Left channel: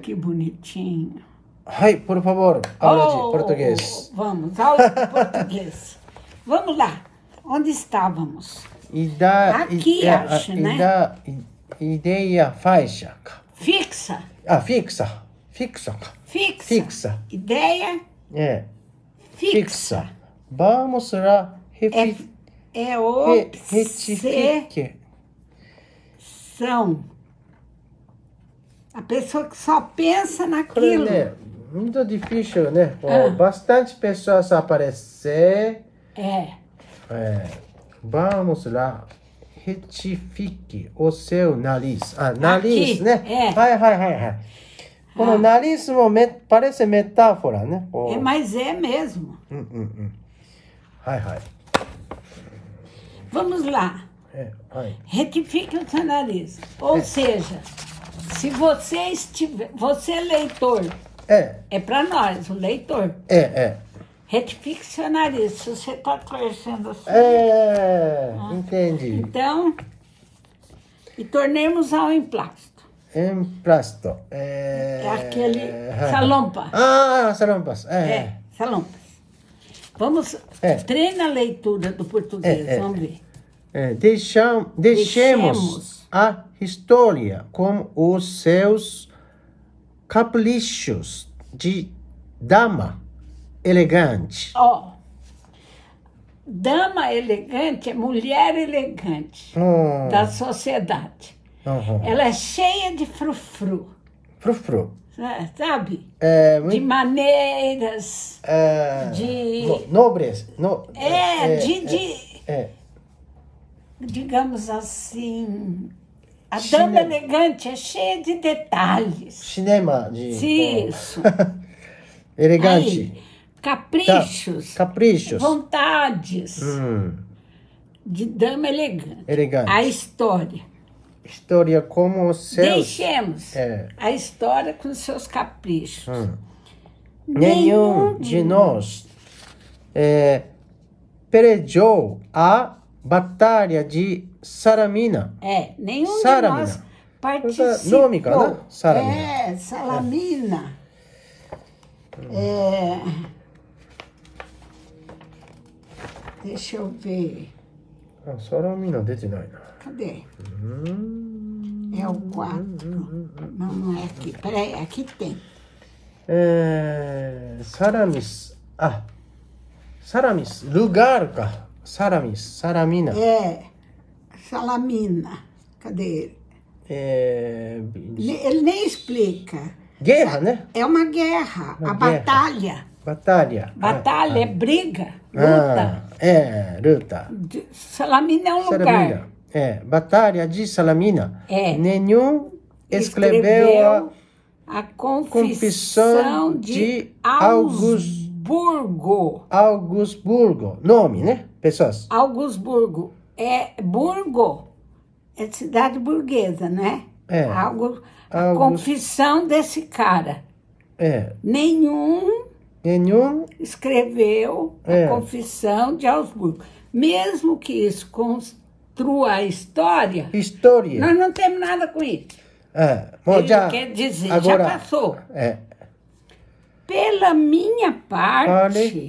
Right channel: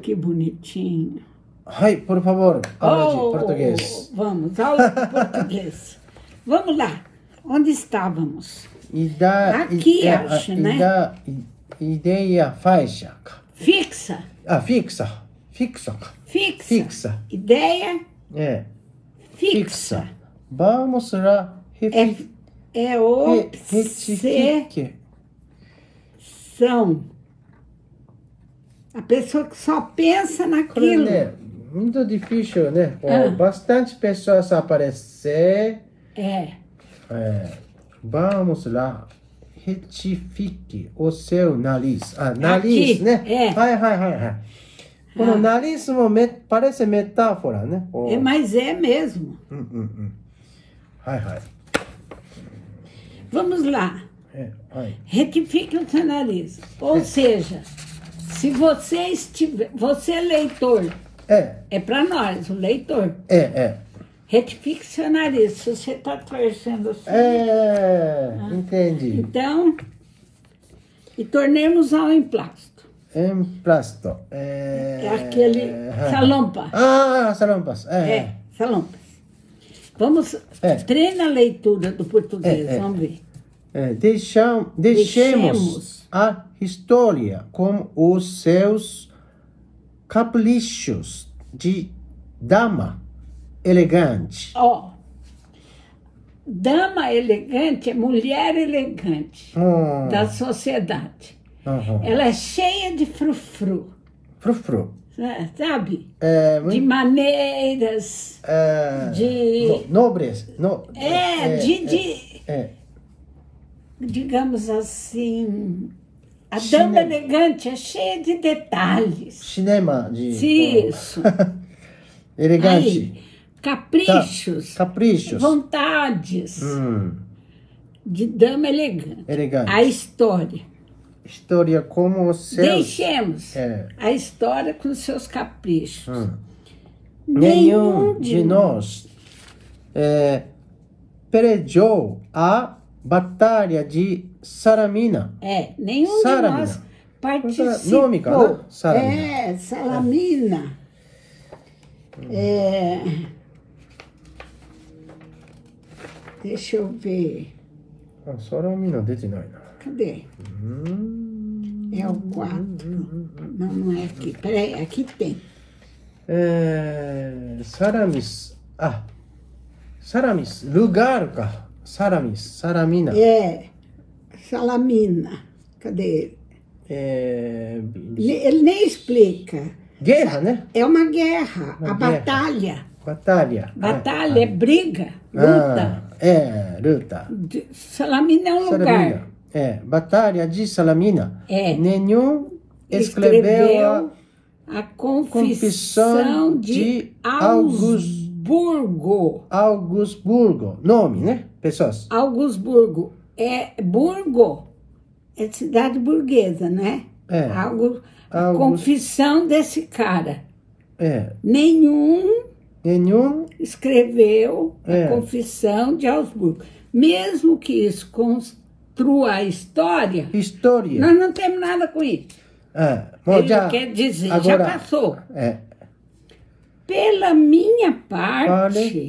Que bonitinho. Ai, por favor, hable de português. Vamos, aula de português. Vamos lá. Onde estávamos? Aqui, acho, né? Ideia faixa. Fixa. Fixa. Ideia fixa. Vamos lá. Obsessão. A pessoa que só pensa naquilo. Muito difícil, né? Bastante pessoas aparecer. Vamos lá. Retifique o seu nariz. Nariz, aqui, né? O nariz parece metáfora, né? Mas é mesmo. Vamos lá. Retifique o seu nariz. Ou seja, se você você é leitor, é para nós, o leitor. Retifique seu nariz, se você está torcendo assim. Entendi. Então, e tornemos ao emplasto. Emplasto. Aquele salompa. Salompas. Salompas. Vamos, treina a leitura do português, vamos ver. Deixemos a história com os seus caprichos de dama elegante. Dama elegante é mulher elegante da sociedade. Ela é cheia de frufru. Sabe? De maneiras. De nobres. Digamos assim, a dama elegante é cheia de detalhes. Cinema de... Isso. Elegante. Aí, caprichos. Vontades. De dama elegante. A história. História como os seus... Deixemos a história com os seus caprichos. Nenhum de nós perdeu a batalha de Salamina. Nenhum de nós participou. Salamina. Deixa eu ver. Salamina, cadê? É o 4. Não é aqui. Peraí, aqui tem. Salamis. Lugar, Salamina. Salamina. Cadê ele? Ele nem explica. Guerra, né? É uma guerra. Batalha. Batalha é briga, luta. Luta. Salamina é um lugar. Batalha de Salamina. Nenhum escreveu a Confissão de Augsburgo. Nome, né? Pessoas. Augsburgo. Burgo. É cidade burguesa, né? A confissão desse cara. Nenhum escreveu a Confissão de Augsburgo. Mesmo que isso construa a história. Nós não temos nada com isso. Ele quer dizer, agora, já passou. Pela minha parte,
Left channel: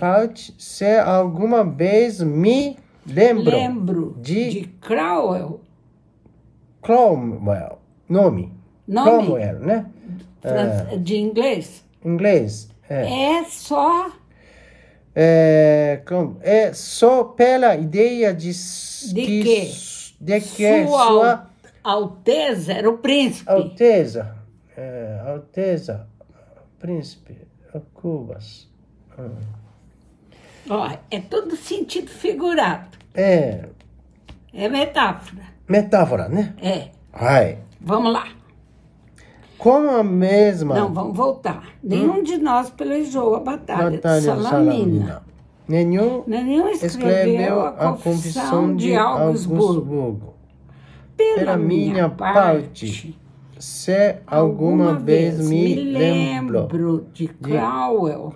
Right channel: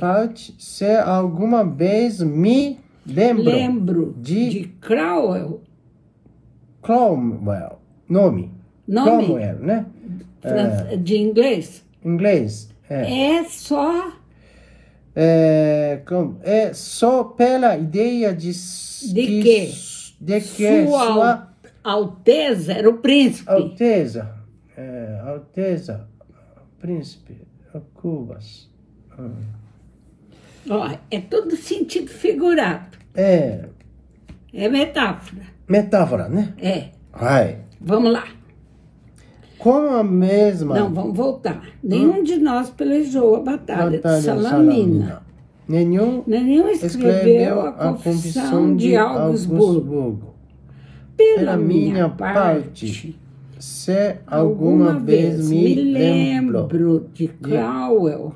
se alguma vez me lembro de Cromwell. Nome. Cromwell, né? De inglês. É só pela ideia de que Sua Alteza era o príncipe. Alteza, príncipe, Cubas. É tudo sentido figurado. É metáfora. Metáfora, né? Vamos lá. Como a mesma... Não, vamos voltar. Nenhum de nós pelejou a batalha de Salamina. Nenhum escreveu a Confissão de Augsburgo. Pela minha parte, se alguma vez me lembro de Cromwell.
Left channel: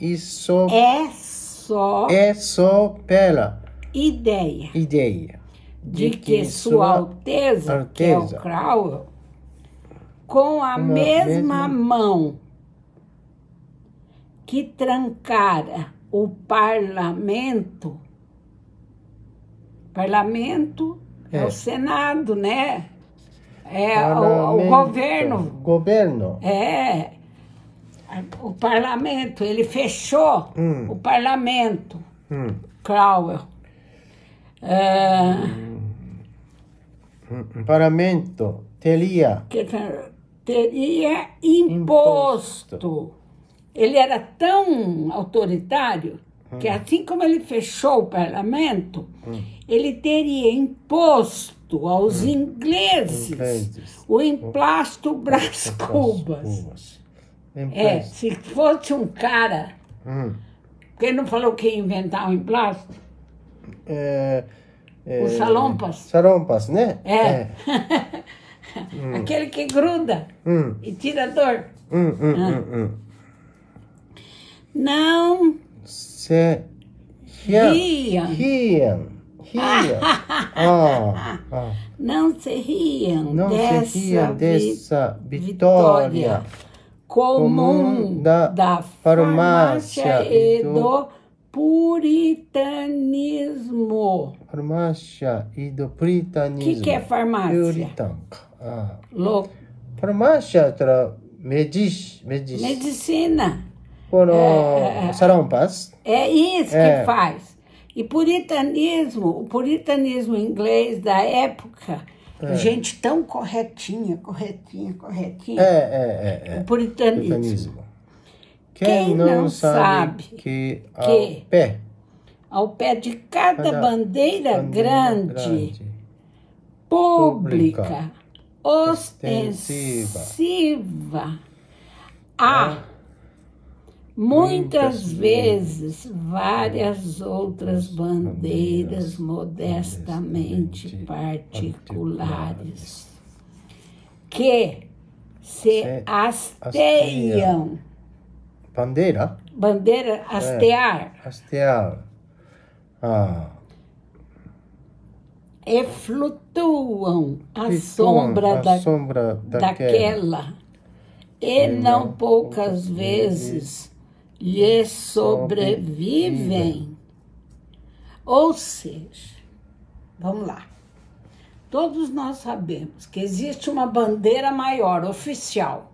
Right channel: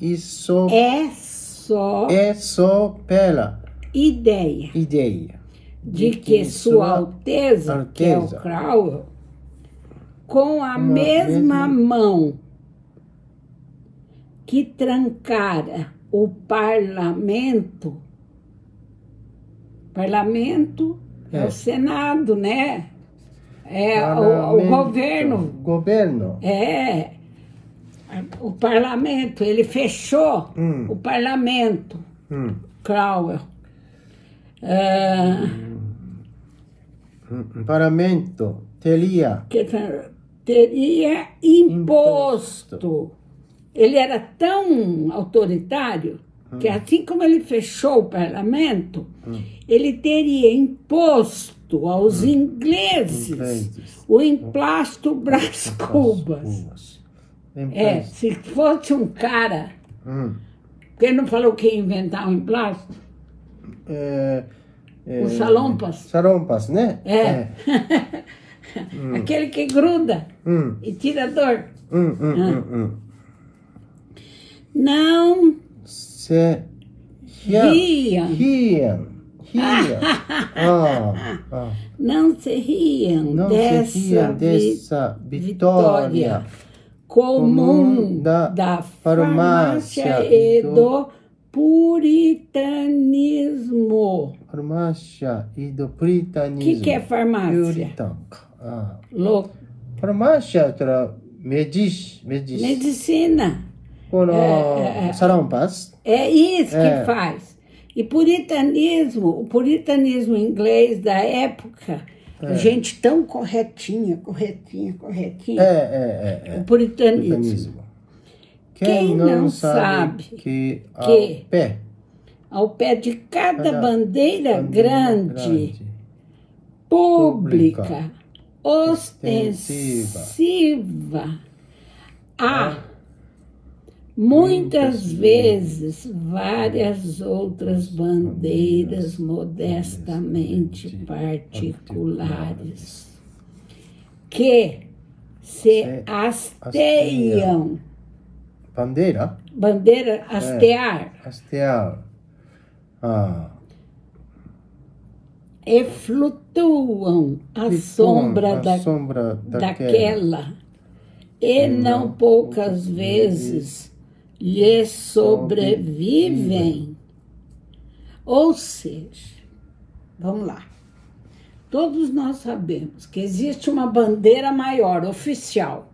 Isso é só pela ideia de que Sua Alteza, que é o Cromwell, com a mesma mão que trancara o parlamento é o Senado, né? É o governo. Governo. É. O parlamento, ele fechou o parlamento. Cromwell. O parlamento teria imposto. Ele era tão autoritário que assim como ele fechou o parlamento, ele teria imposto aos ingleses o emplasto Brás Cubas. Se fosse um cara, quem não falou que ia inventar um emplasto? Os salompas. Salompas, né? Aquele que gruda e tira a dor. Não se riam. Não se riam dessa vitória comum da farmácia e do puritanismo. Farmácia e do puritanismo. O que é farmácia? Farmácia é medicina. Salompas. É isso que faz. E o puritanismo inglês da época, gente tão corretinha. O puritanismo. Quem não sabe que ao pé de cada bandeira grande, pública, ostensiva, há muitas vezes várias outras bandeiras modestamente particulares que se hasteiam. Bandeira? Bandeira, hastear. Hastear. E flutuam à sombra daquela. E não poucas vezes lhe sobrevivem. Ou seja, vamos lá. Todos nós sabemos que existe uma bandeira maior, oficial.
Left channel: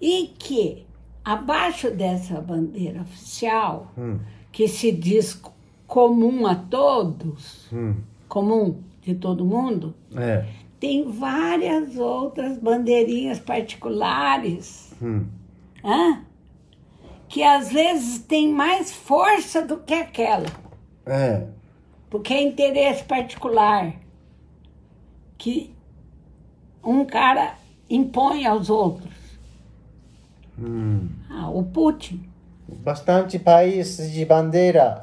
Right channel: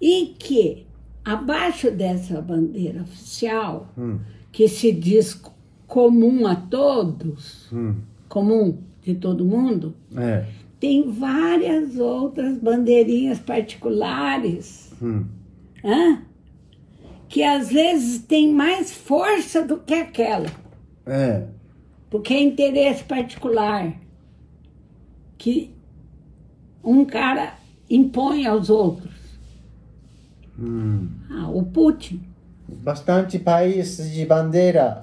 E que, abaixo dessa bandeira oficial, que se diz comum a todos, comum de todo mundo, tem várias outras bandeirinhas particulares, que às vezes tem mais força do que aquela. Porque é interesse particular que um cara impõe aos outros. O Putin. Bastante países de bandeira.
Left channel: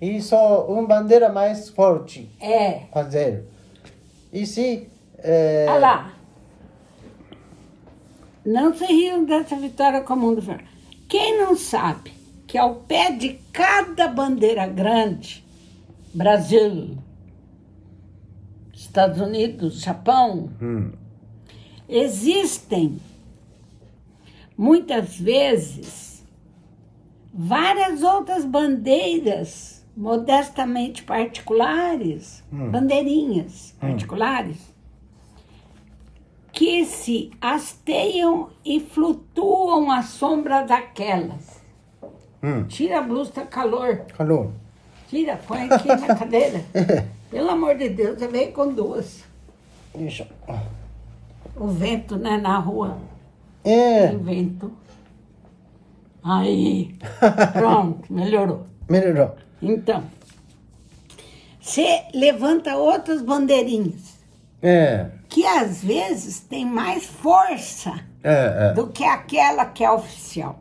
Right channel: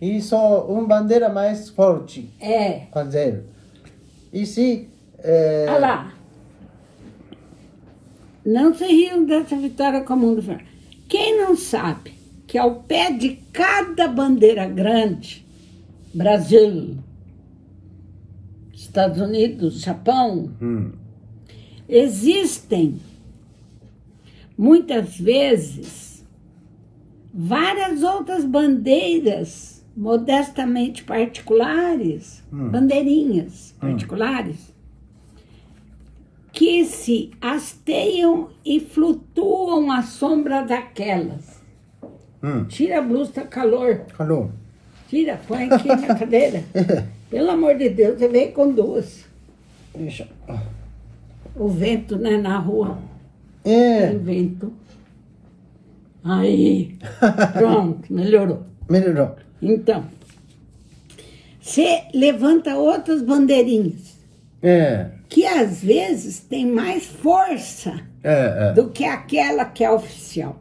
Isso uma bandeira mais forte. Fazer. E se... Olha lá. Não se riam dessa vitória comum do Fernando. Quem não sabe que ao pé de cada bandeira grande, Brasil, Estados Unidos, Japão, existem muitas vezes várias outras bandeiras modestamente particulares, bandeirinhas particulares, que se hasteiam e flutuam à sombra daquelas. Tira a blusa, tá calor. Tira, põe aqui na cadeira. Pelo amor de Deus, você veio com duas. Isso. O vento, né, na rua. O vento. Aí, pronto, melhorou. Então, você levanta outras bandeirinhas. Que às vezes tem mais força do que aquela que é oficial.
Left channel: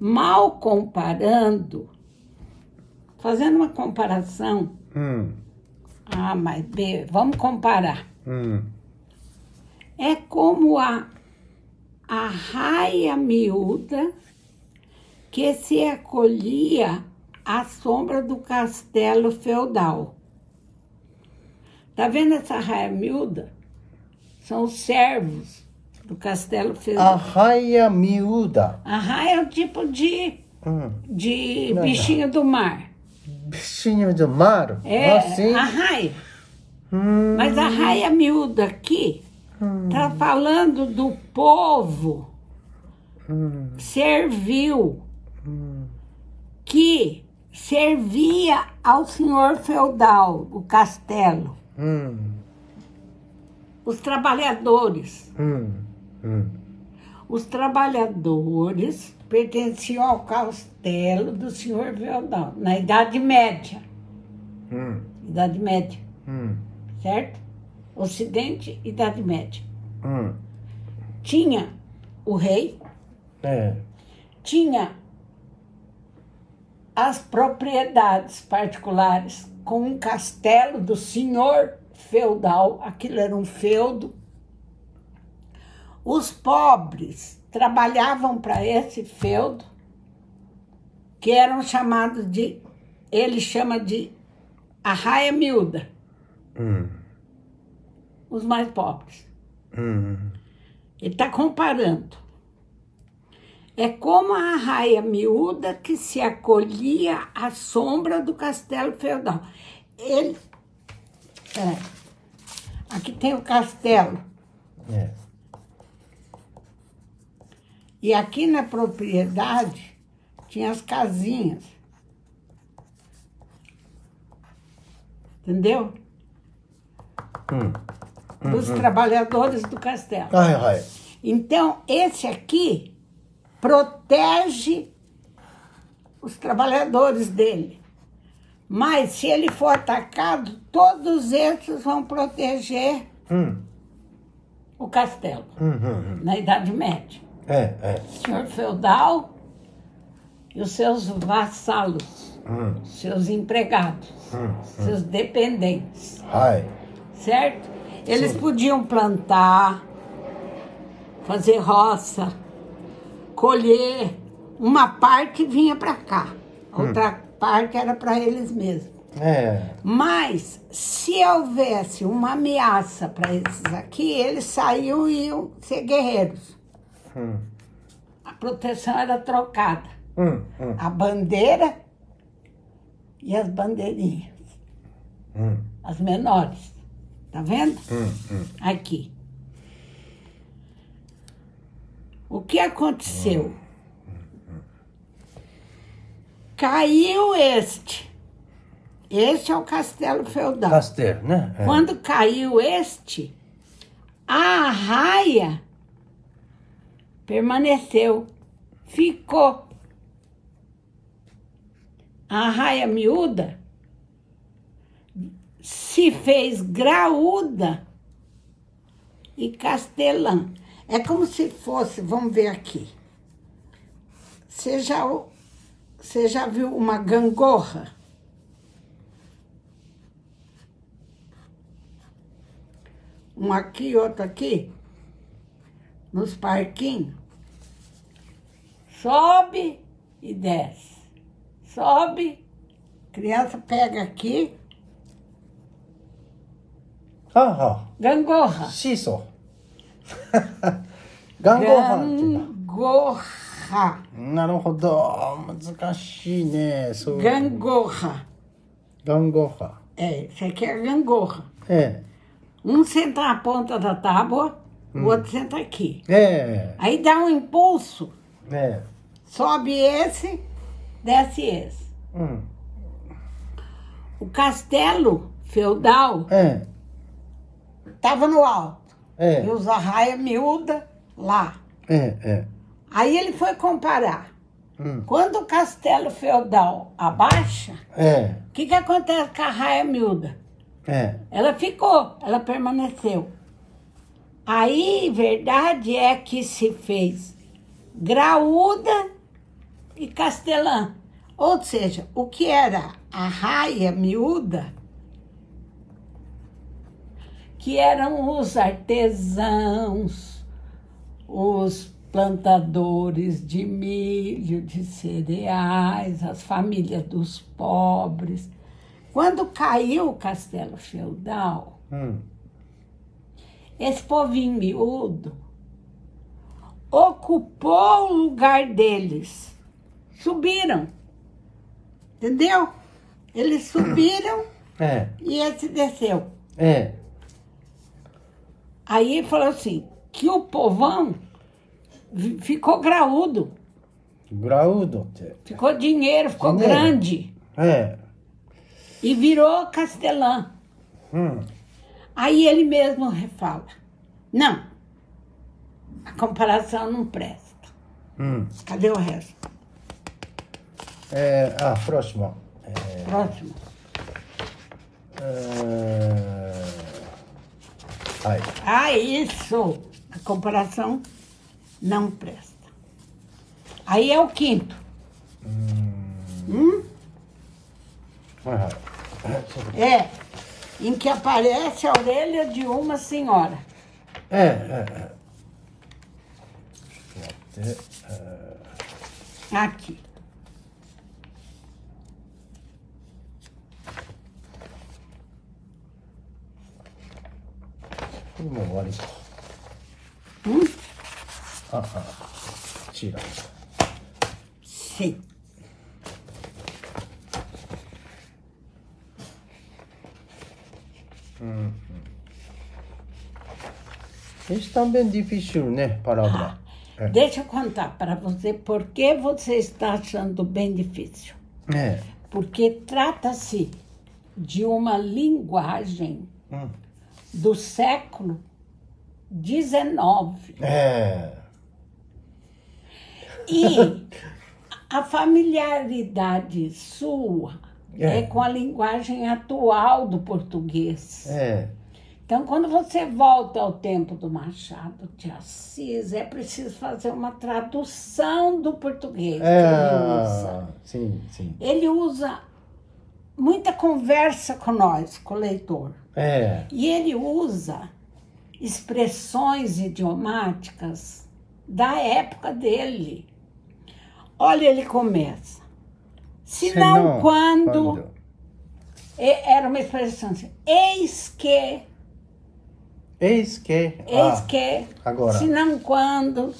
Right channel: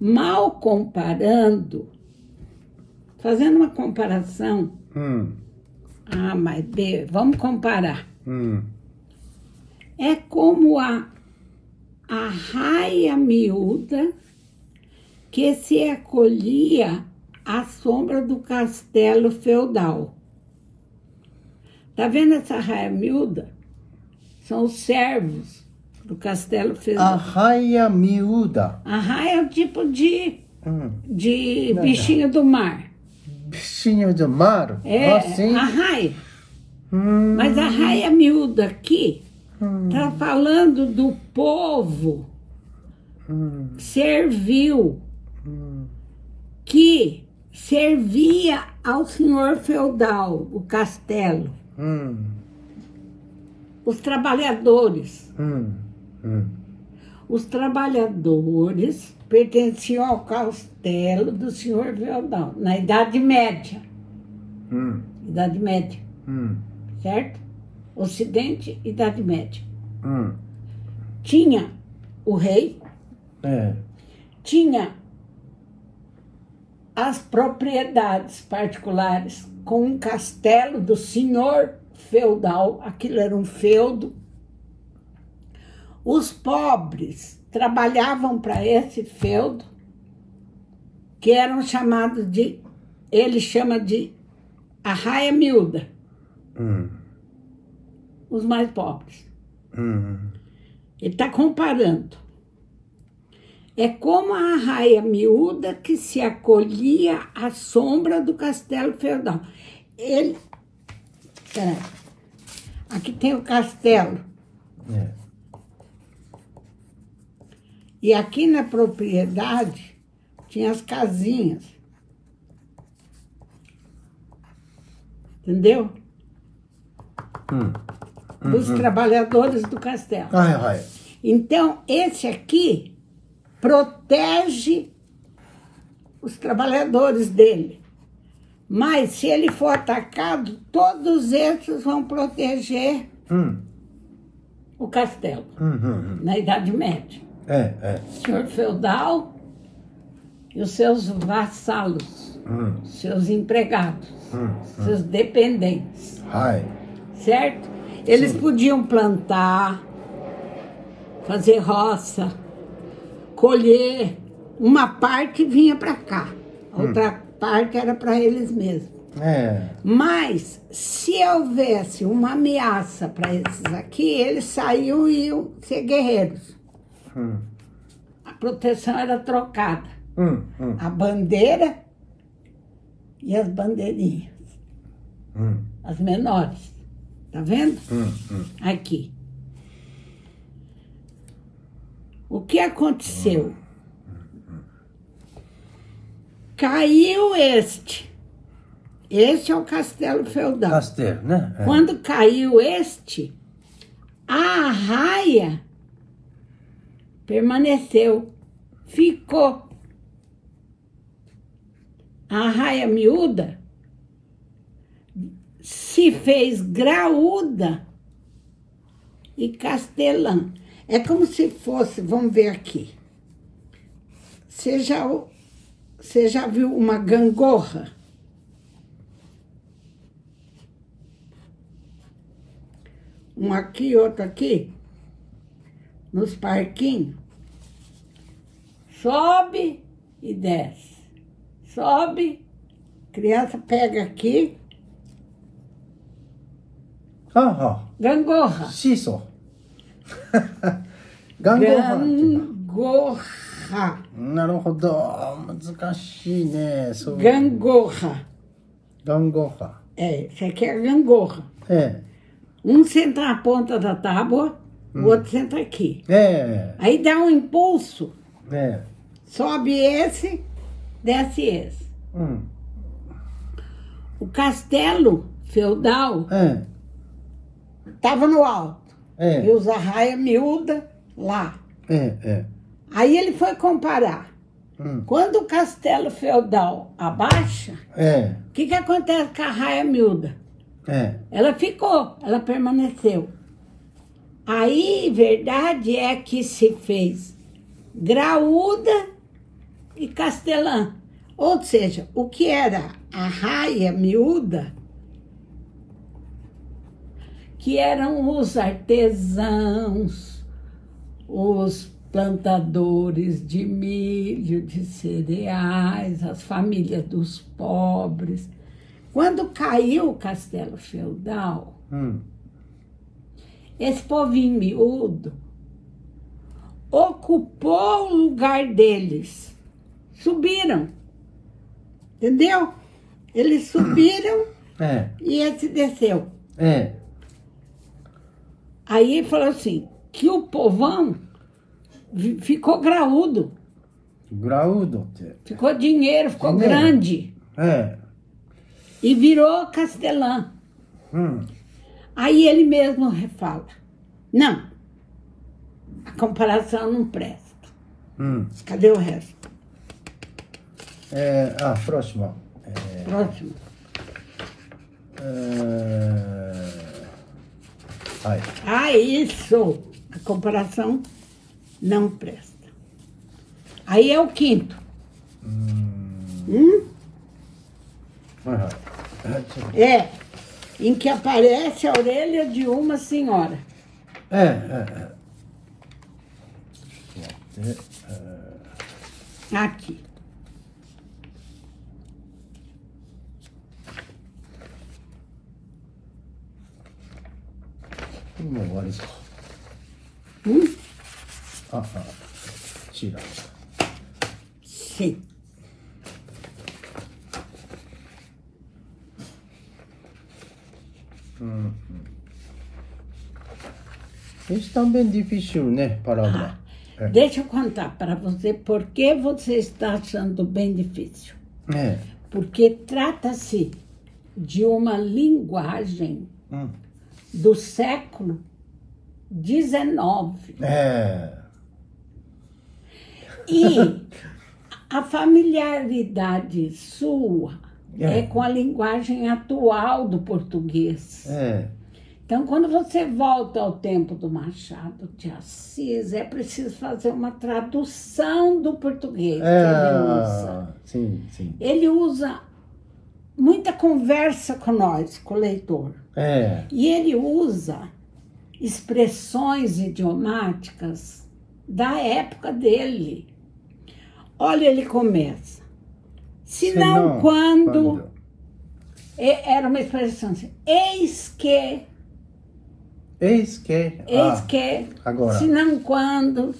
Mal comparando, fazendo uma comparação. Mas vamos comparar. É como a raia miúda que se acolhia à sombra do castelo feudal. Tá vendo essa raia miúda? são os servos do castelo feudal. Arraia miúda. Arraia é um tipo de bichinho do mar. Bichinho do mar? É, arraia. Mas a arraia miúda aqui está falando do povo servil que servia ao senhor feudal, o castelo. Os trabalhadores. Os trabalhadores pertenciam ao castelo do senhor feudal, na Idade Média. Idade Média. Certo? Ocidente, Idade Média. Tinha o rei, tinha as propriedades particulares com um castelo do senhor feudal, aquilo era um feudo. Os pobres trabalhavam para esse feudo, que eram chamados de, ele chama de arraia miúda. Os mais pobres. Ele está comparando. É como a arraia miúda que se acolhia à sombra do castelo feudal. Ele... Aqui tem o castelo. E aqui na propriedade tinha as casinhas. Entendeu? Dos trabalhadores do castelo. Então, esse aqui protege os trabalhadores dele. Mas, se ele for atacado, todos esses vão proteger o castelo, na Idade Média. O senhor feudal e os seus vassalos, seus empregados, seus dependentes. Certo? Eles podiam plantar, fazer roça, colher. Uma parte vinha para cá, outra parte era para eles mesmos. Mas, se houvesse uma ameaça para esses aqui, eles saíam e iam ser guerreiros. A proteção era trocada. A bandeira e as bandeirinhas. As menores. Tá vendo? Aqui. O que aconteceu? Caiu este. Este é o castelo feudal. Castelo, né? Quando caiu este, a arraia permaneceu, ficou. A arraia miúda se fez graúda e castelã. É como se fosse, vamos ver aqui. Você já viu uma gangorra? Um aqui, outro aqui. Nos parquinhos. Sobe e desce. Sobe. Criança pega aqui. Gangorra. Shiso. Gangorra. Gangorra. Gangorra. Gangorra. Isso aqui é gangorra. Um senta na ponta da tábua, o outro senta aqui. Aí dá um impulso. Sobe esse, desce esse. O castelo feudal estava no alto. E os arraia miúda lá. Aí ele foi comparar. Quando o castelo feudal abaixa, o que acontece com a arraia miúda? Ela ficou, ela permaneceu. Aí, verdade é que se fez graúda e castelã. Ou seja, o que era a arraia miúda, que eram os artesãos, os plantadores de milho, de cereais, as famílias dos pobres. Quando caiu o castelo feudal, esse povinho miúdo ocupou o lugar deles. Subiram. Entendeu? Eles subiram e esse desceu. Aí ele falou assim, que o povão ficou graúdo. Graúdo. Ficou dinheiro, ficou grande. E virou castelã. Aí ele mesmo fala, não, a comparação não presta. Cadê o resto? Próximo. Próximo. Isso. A comparação não presta. Aí é o quinto. Em que aparece a orelha de uma senhora. Aqui. Tira. Sim. Isso também é difícil, né? Palavra. Deixa eu contar para você por que você está achando bem difícil. Porque trata-se de uma linguagem do século XIX. E a familiaridade sua é com a linguagem atual do português. Então, quando você volta ao tempo do Machado de Assis, é preciso fazer uma tradução do português. Sim. Ele usa muita conversa com nós, com o leitor. E ele usa expressões idiomáticas da época dele. Olha, ele começa. Senão quando... Era uma expressão assim. Eis que... Agora. Senão quando...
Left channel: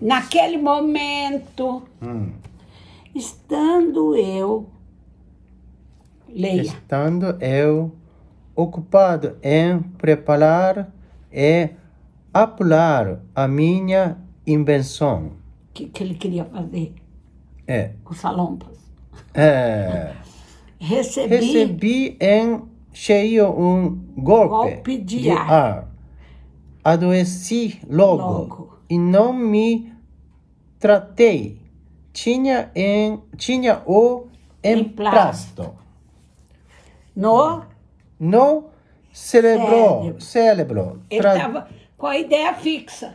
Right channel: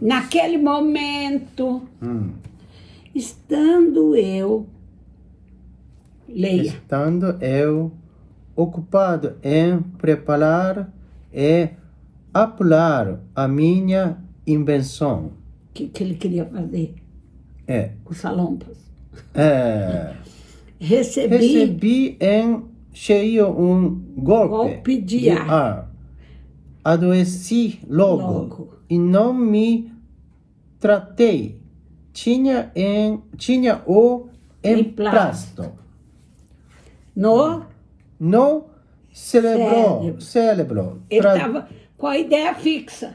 Naquele momento... Estando eu... Leia. Estando eu ocupado em preparar e apurar a minha invenção. O que ele queria fazer? Os salompas. Recebi em cheio um golpe de ar. Adoeci logo e não me tratei. Tinha o emplasto no cérebro. Ele estava com a ideia fixa.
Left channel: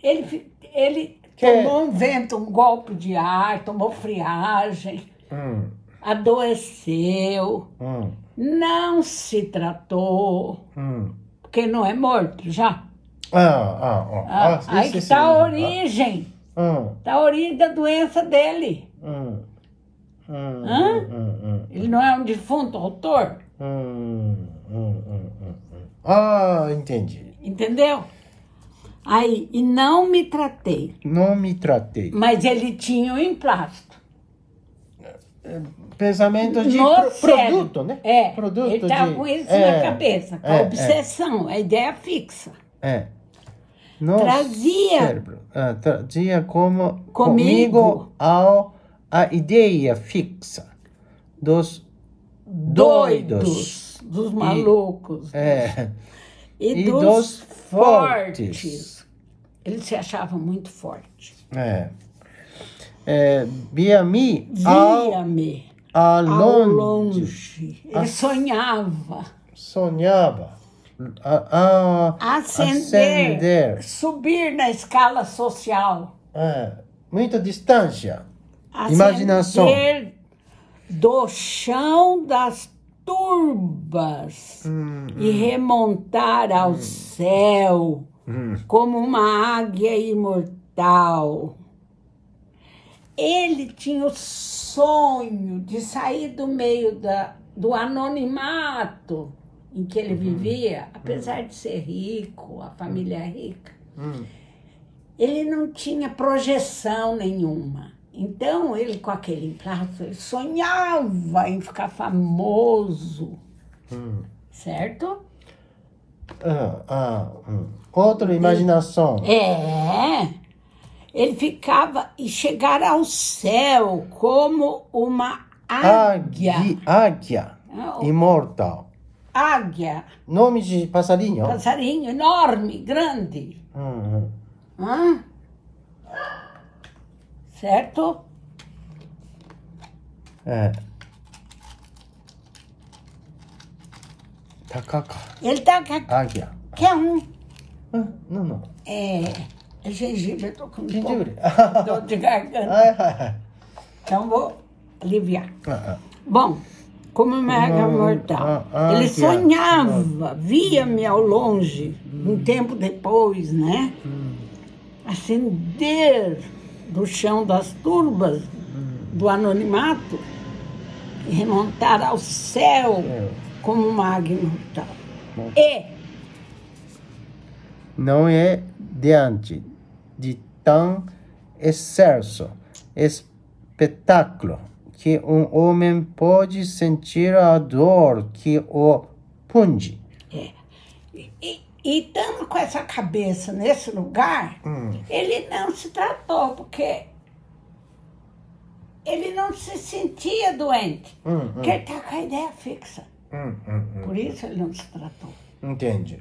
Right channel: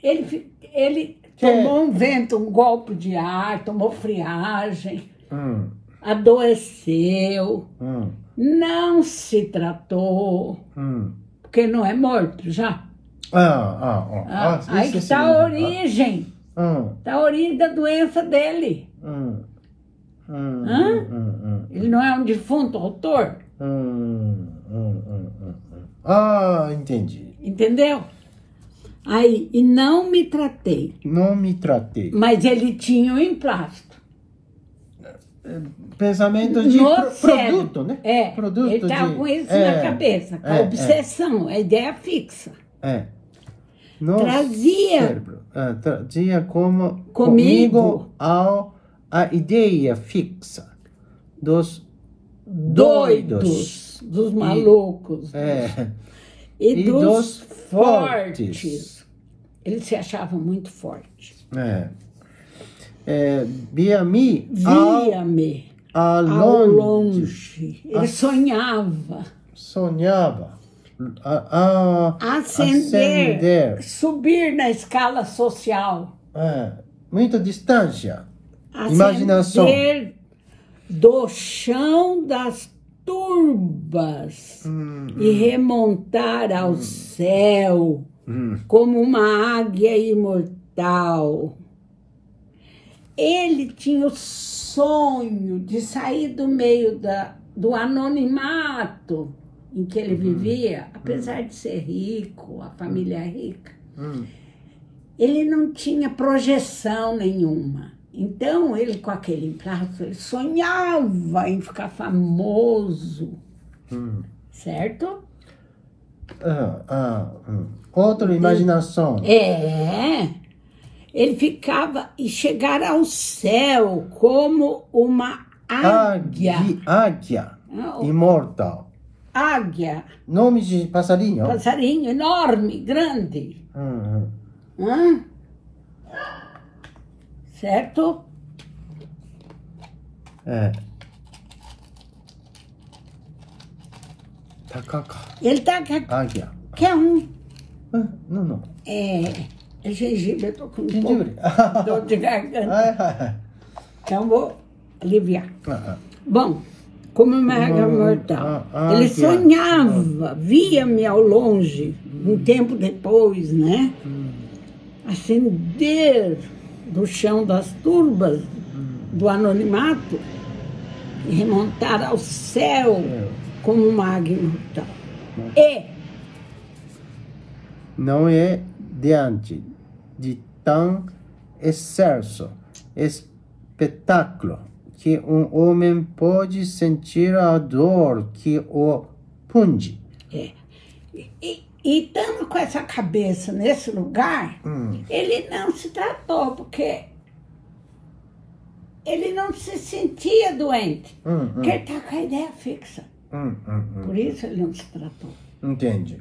Ele tomou um vento, um golpe de ar, tomou friagem, adoeceu, não se tratou, porque não é morto já. Aí que está a origem. Está a origem da doença dele. Ele não é um defunto autor? Entendi. Entendeu? Aí, e não me tratei. Não me tratei. Mas ele tinha um emplasto. Pensamento de produto, né? Produto ele estava com isso na cabeça, com a obsessão, a ideia fixa. Trazia comigo a ideia fixa dos doidos, dos malucos, e dos fortes. Eles se achavam muito fortes. Via-me ao longe. Ele sonhava. Ascender, subir na escala social. Muita distância. Imaginação. Do chão das turbas e remontar ao céu como uma águia imortal. Ele tinha o sonho de sair do meio do anonimato em que ele vivia, apesar de ser rico, a família é rica, ele não tinha projeção nenhuma. Então, ele com aquele emplasto, ele sonhava em ficar famoso, certo? Outra imaginação. Ele ficava e chegar ao céu como uma águia. Águia imortal. Águia. Nome de passarinho? Passarinho enorme, grande. Certo? Takaka. Ele tá com Águia. que é um. Não. É gengibre, eu tô com um pouco dor de garganta. Então vou aliviar. Bom, como uma águia mortal. Ele sonhava, via-me ao longe, um tempo depois, né? Ascender do chão das turbas do anonimato e remontar ao céu como uma águia imortal. Não é diante de tão excelso espetáculo que um homem pode sentir a dor que o punge. E estando com essa cabeça nesse lugar, ele não se tratou, porque ele não se sentia doente, porque ele está com a ideia fixa. Por isso ele não se tratou. Entendi.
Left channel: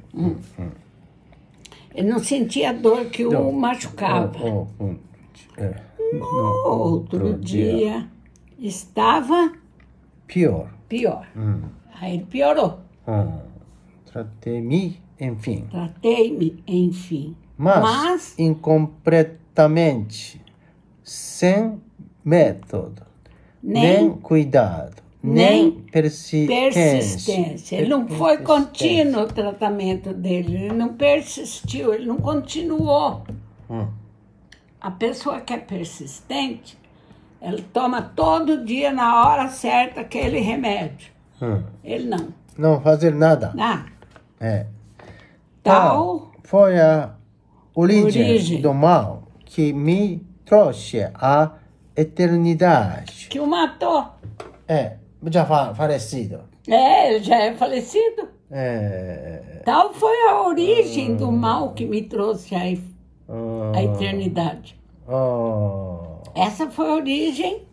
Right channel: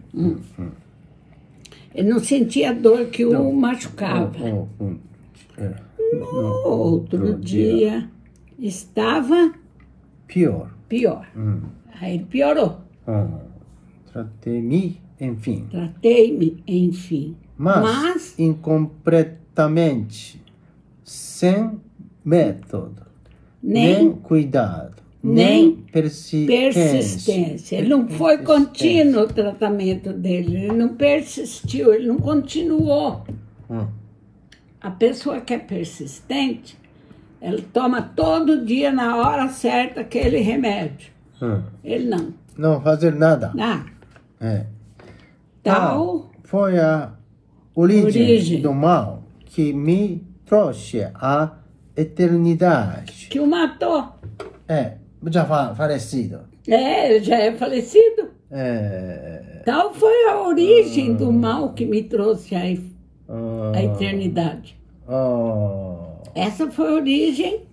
Ele não sentia a dor que o machucava. No outro dia, estava pior. Aí ele piorou. Tratei-me, enfim. Mas incompletamente, sem método, nem cuidado, nem persistência. Ele não foi contínuo o tratamento dele, ele não persistiu, ele não continuou. A pessoa que é persistente, ela toma todo dia, na hora certa, aquele remédio. Ele não. Não fazer nada. Tal foi a origem do mal que me trouxe à eternidade. Que o matou. Já falecido. Ele já é falecido. Tal foi a origem do mal que me trouxe à eternidade. Essa foi a origem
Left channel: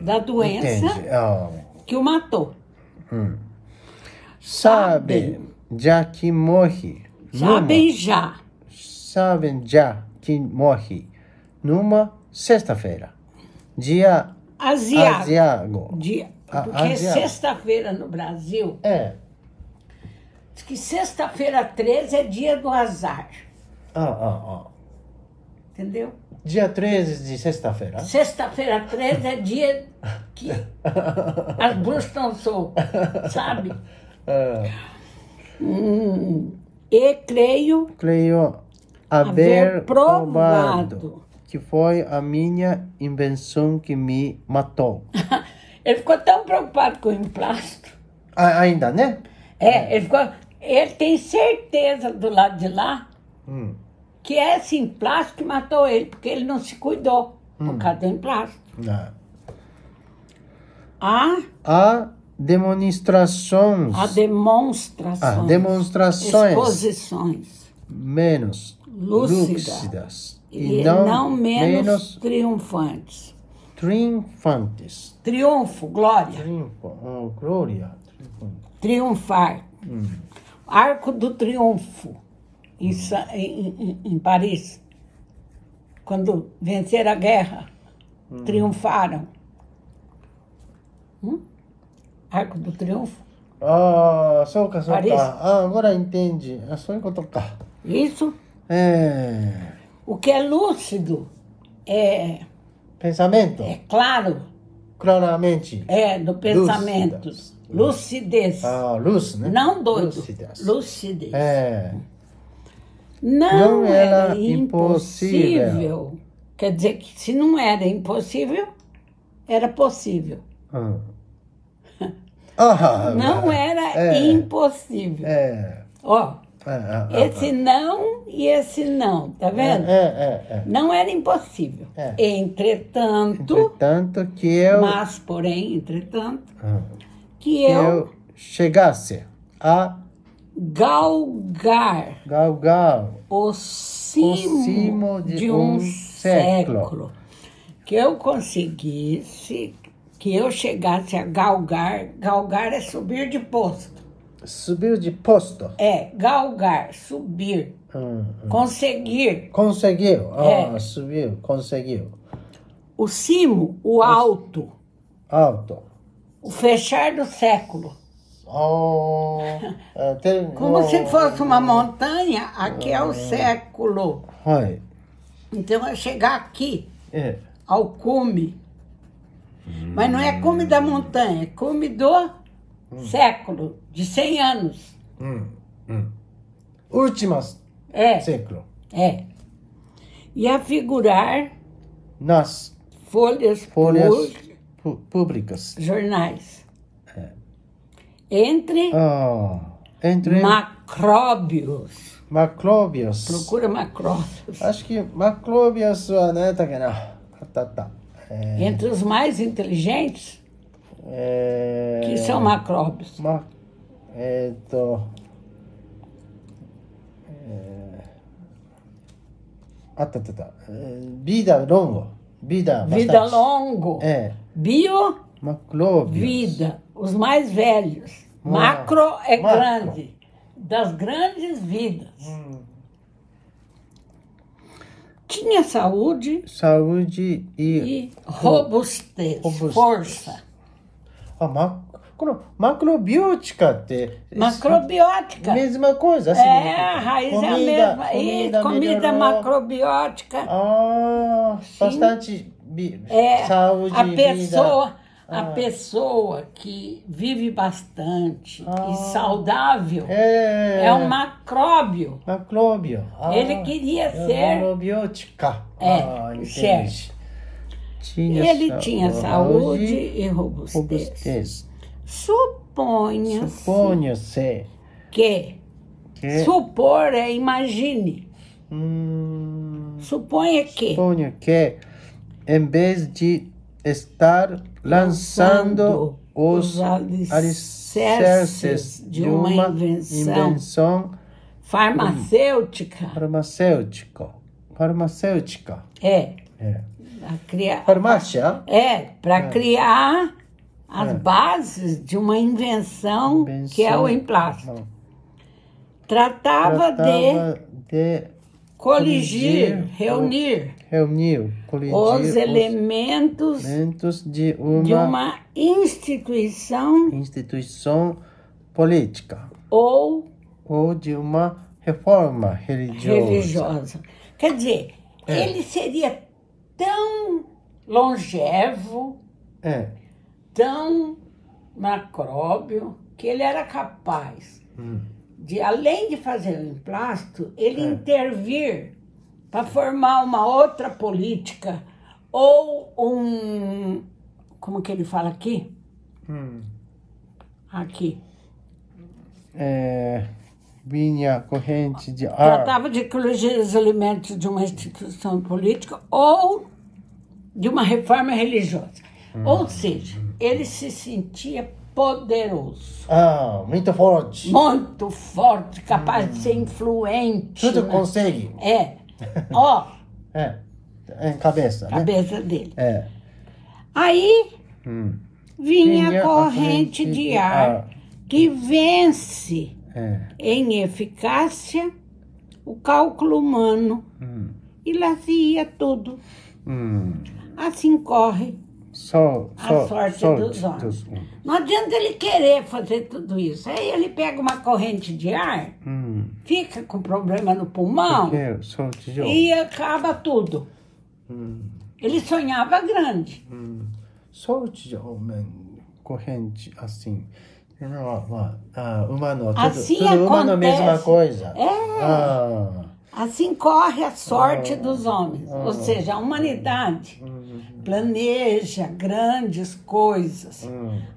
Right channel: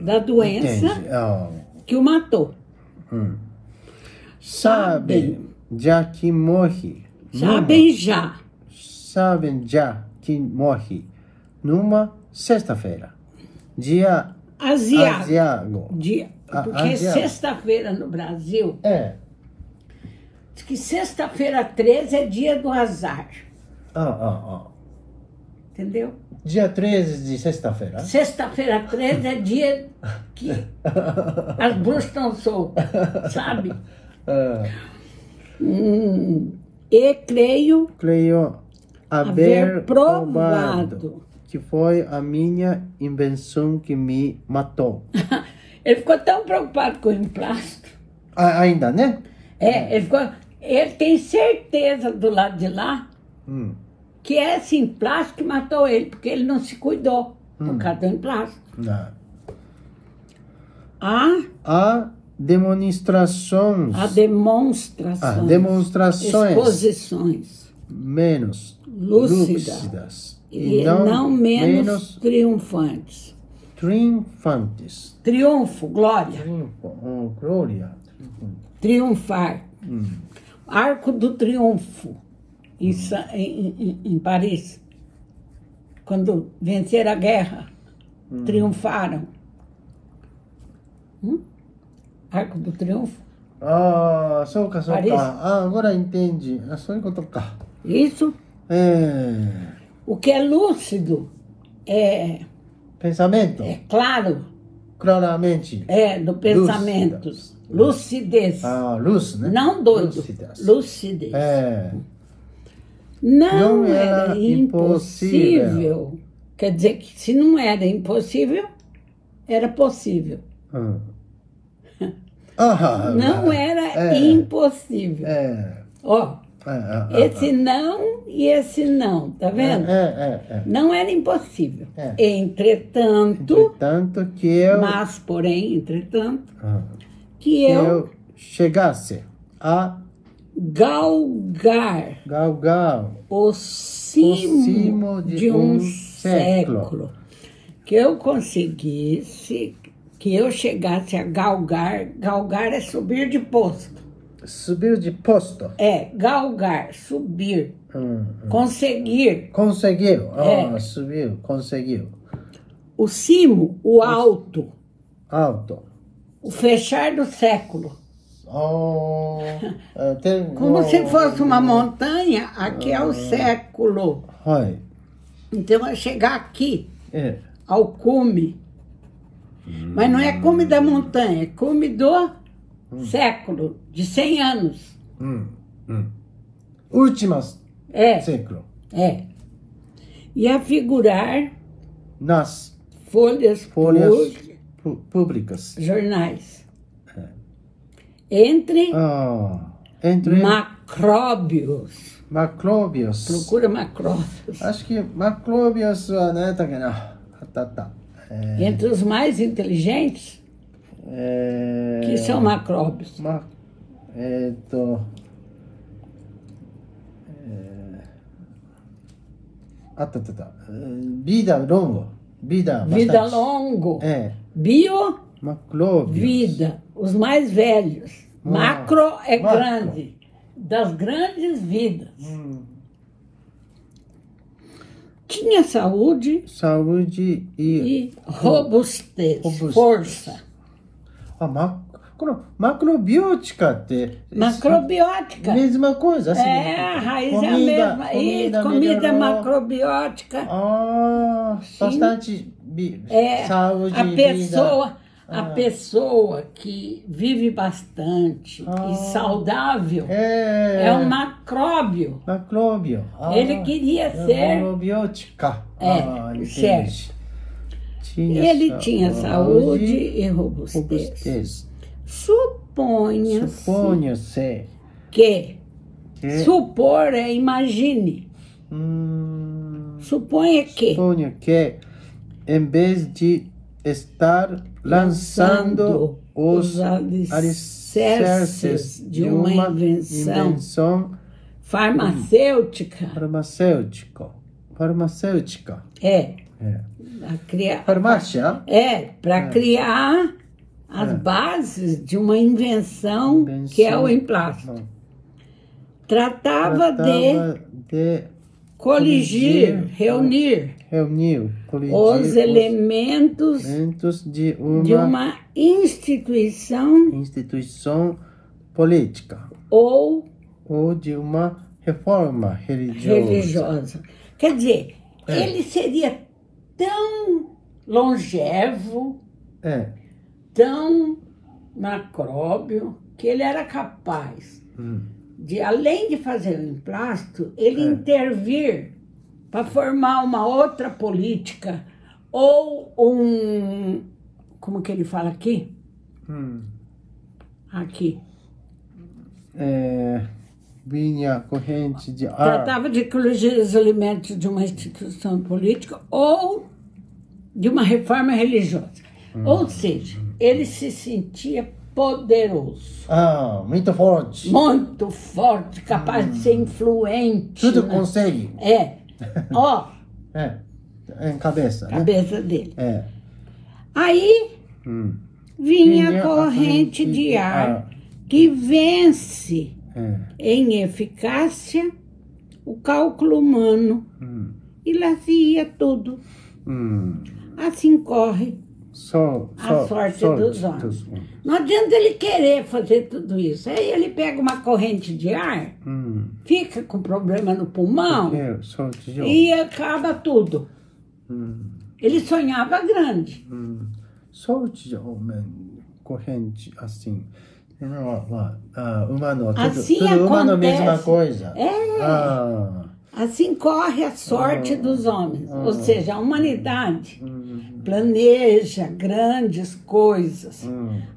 da doença que o matou. Sabem já que morre. Sabem já que morre numa sexta-feira. Dia asiático. Porque sexta-feira no Brasil, diz que sexta-feira 13 é dia do azar. Entendeu? Dia 13 de sexta-feira. Sexta-feira 13 é dia que as bruxas estão soltas, sabe? E creio haver provado que foi a minha invenção que me matou. Ele ficou tão preocupado com o emplasto. Ainda, né? Ele tem certeza do lado de lá que é esse emplasto que matou ele, porque ele não se cuidou por causa do emplasto. Há demonstrações. Exposições. Menos lúcidas. E não menos triunfantes. Triunfo, glória. Glória. Triunfar. Arco do Triunfo, em Paris. Quando venceram a guerra, triunfaram. Arco do Triunfo. Agora entendi. Isso. O que é lúcido é... Pensamento? Claro. Claramente. Do pensamento. Lucidez. Luz, né? Não doido. Lucidez. Não era impossível. Quer dizer que se não era impossível, era possível. Não era impossível. Ó, esse não e esse não, tá vendo? Não era impossível. Entretanto, que eu... Mas, porém, entretanto, que eu chegasse a galgar o cimo de um século. Que eu conseguisse, que eu chegasse a galgar. Galgar é subir de posto. Subir de posto? Galgar, subir. Conseguir. Conseguiu. Subiu, conseguiu. O cimo, o alto. Alto. O fechar do século. Como se fosse uma montanha, aqui é o século. Então, é chegar aqui, ao cume. Mas não é cume da montanha, é cume do século, de 100 anos. Últimas século. E a figurar nas folhas públicas. Jornais. Entre macróbios. Macróbios. Procura macróbios. Acho que macróbios entre os mais inteligentes, que são macróbios. Vida longo. Vida longo. Bio, macróbios. Vida. Os mais velhos. Macro é grande. Das grandes vidas. Tinha saúde e robustez. Força. Macrobiótica. Macrobiótica. Mesma coisa. Assim, a raiz é a mesma. Comida macrobiótica. Bastante saúde e vida. A pessoa que vive bastante e saudável é um macróbio. Ele queria ser... Macrobiótica. Certo. Ele tinha saúde e robustez. Suponha-se que supor é imagine. Suponha que, em vez de estar lançando os alicerces de uma invenção farmacêutica. Farmácia? Para criar as bases de uma invenção que é o emplasto. Tratava de coligir, reunir os elementos de uma instituição política ou de uma reforma religiosa. Quer dizer, ele seria tão longevo, tão macróbio, que ele era capaz de, além de fazer o emplasto, ele intervir para formar uma outra política ou como que ele fala aqui? Aqui. Vinha corrente de ar. Tratava de coligir os elementos de uma instituição política ou de uma reforma religiosa. Ou seja, ele se sentia poderoso. Muito forte. Muito forte, capaz de ser influente. Tudo consegue. Cabeça. Cabeça dele. Aí vinha a corrente de ar que vence em eficácia o cálculo humano e lazia tudo. Assim corre a sorte dos homens. Não adianta ele querer fazer tudo isso. Aí ele pega uma corrente de ar, fica com problema no pulmão e acaba tudo. Ele sonhava grande. Sorte de homem, corrente assim. Humano, assim tudo humano, acontece. mesma coisa. Assim corre a sorte dos homens. Ou seja, a humanidade planeja grandes coisas.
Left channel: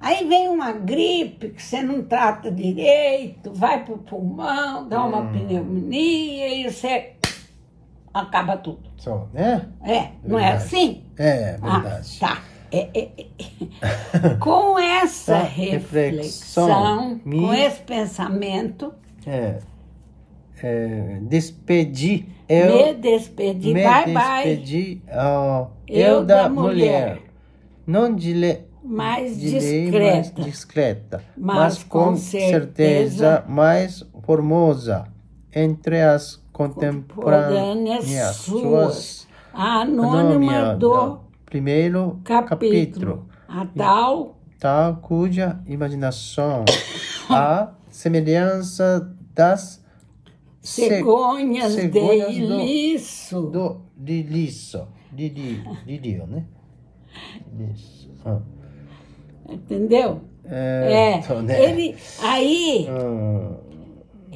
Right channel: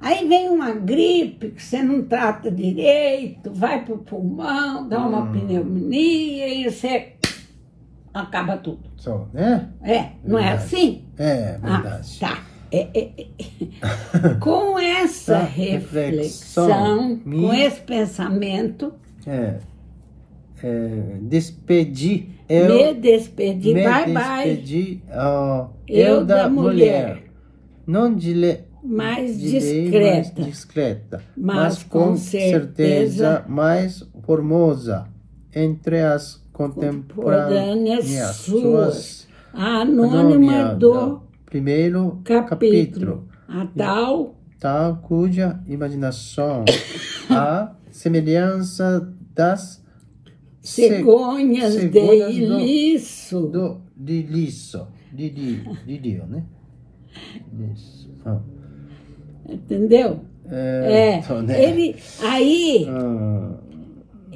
Aí vem uma gripe que você não trata direito, vai para o pulmão, dá uma pneumonia e você acaba tudo. Só, né? Não é assim? É verdade. Tá. Com essa reflexão, com esse pensamento, despedi eu da mulher, não mais discreta, mas com certeza mais formosa entre as contemporâneas suas, a anônima do primeiro capítulo, a tal cuja imaginação, a semelhança das cegonhas de Ilisso. De Lídio, né? Isso. Entendeu?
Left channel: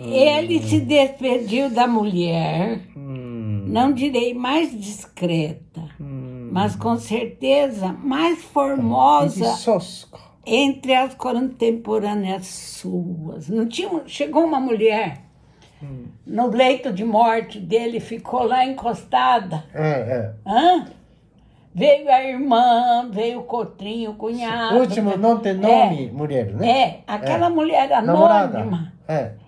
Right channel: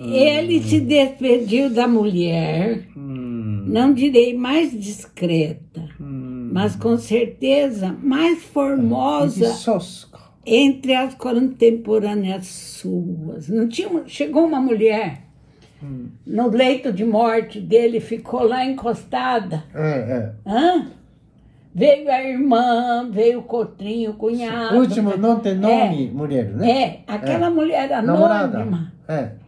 Ele se despediu da mulher, não direi mais discreta, mas com certeza mais formosa entre as contemporâneas suas. Não tinha, chegou uma mulher no leito de morte dele, ficou lá encostada. Veio a irmã, veio o cotrinho, o cunhado. O último não tem nome, mulher, né? Aquela mulher anônima. Era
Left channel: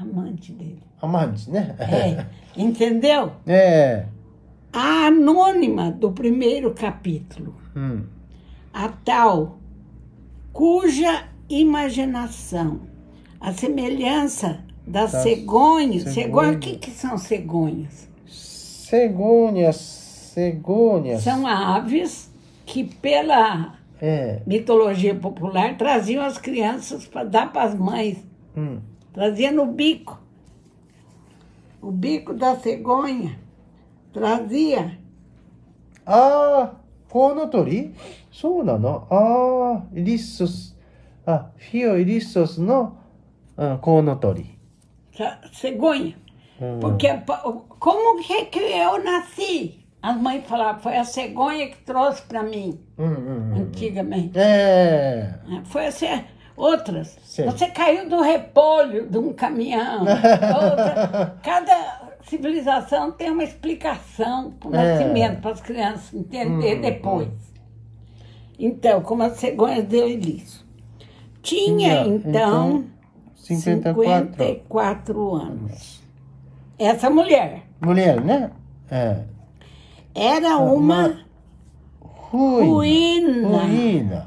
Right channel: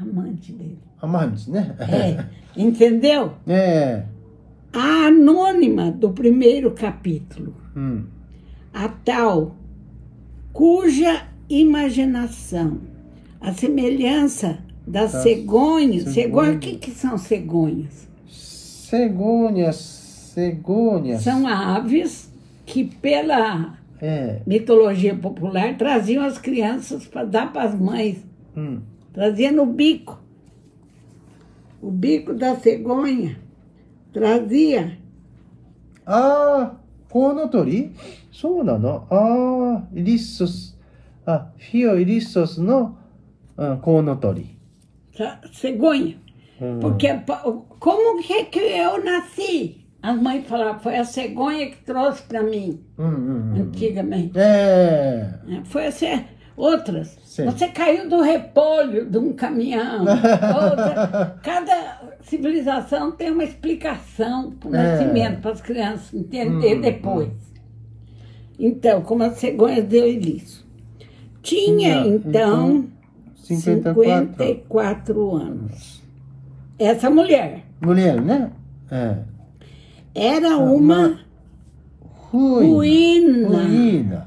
amante dele. Amante, né? Entendeu? A anônima do primeiro capítulo. A tal cuja imaginação, a semelhança das cegonhas. Cegonhas, o que são cegonhas? Cegonhas. São aves que, pela mitologia popular, traziam as crianças para dar para as mães. Trazia no bico. O bico da cegonha. Trazia. Konotori? そうなの? Irissos. Fio irissos no konotori. Cegonha. Porque como que eu nasci? As mães falavam, foi a cegonha que trouxe para mim, antigamente. Foi assim, outras. Sim. Você caiu do repolho de um caminhão. Cada civilização tem uma explicação para o nascimento, para as crianças entender depois. Então, como a cegonha deu isso. Tinha, então 54 anos. Essa mulher. Mulher, né? Era uma ruína.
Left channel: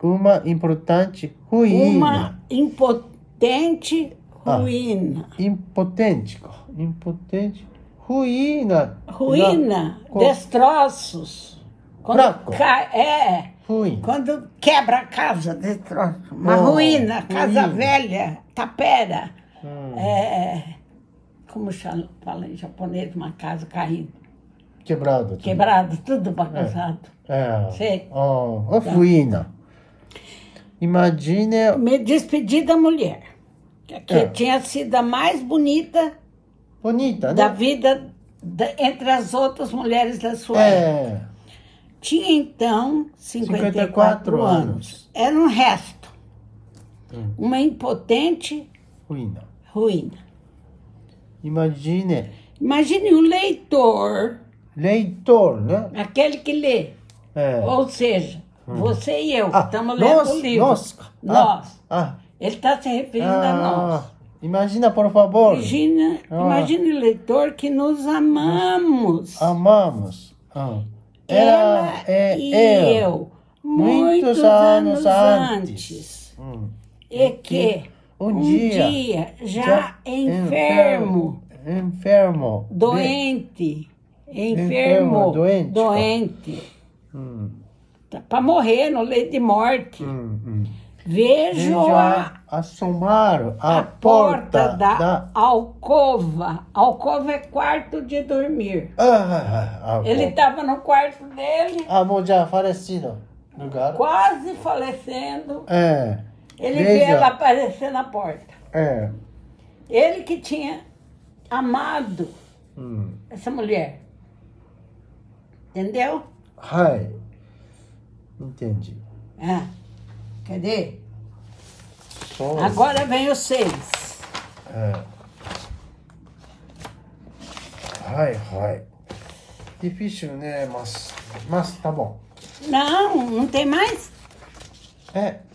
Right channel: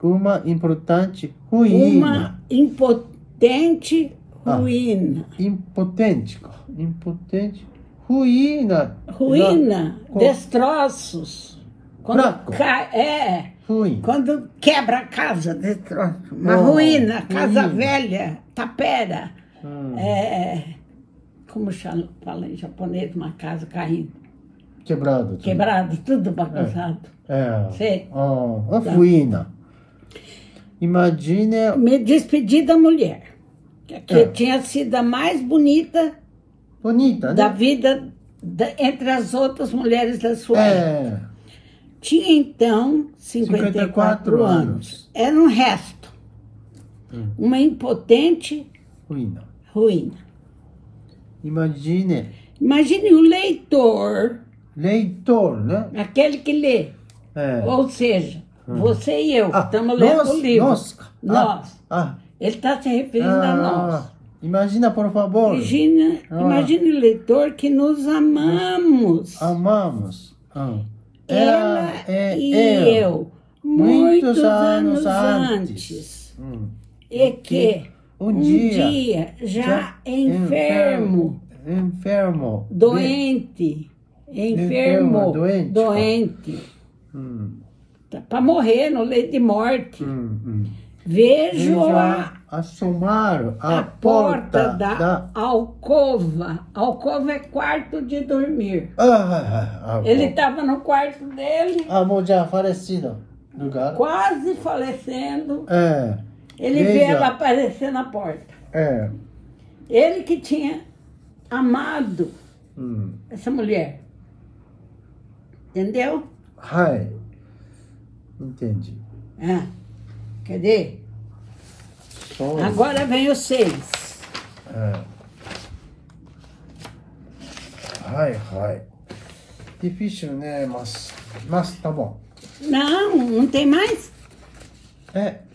Uma importante ruína. Uma impotente ruína. Impotente ruína. Ruína, destroços. Quando ruim. Quando quebra a casa, destroço. Uma ruína, casa velha, tapera. Como fala em japonês, uma casa caindo. Quebrado. Quebrado, tudo bagunçado. Sei. Ruína. Imagine... Me despedi da mulher, que tinha sido a mais bonita da vida entre as outras mulheres da sua época. Tinha, então, 54 anos. Era um resto. Uma impotente ruína. Imagine o leitor. Leitor, né? Aquele que lê. Ou seja, você e eu, que estamos lendo o livro. Nós. Ele está se referindo a nós. Imagina, por favor. Imagine o leitor que nos amamos. Ela e eu. Muitos anos antes. E que um dia já enfermo. Doente. Para morrer no leito de morte. Vejo-a assomar a porta da alcova. Alcova é quarto de dormir. Ele estava no quarto dele. Já falecido. Quase falecendo. Ele vê ela aparecer na porta. Ele que tinha amado essa mulher. Entendeu? Hai. Entendi. Cadê? Agora vem o 6. Hai. Difícil, né? Mas tá bom. Não tem mais?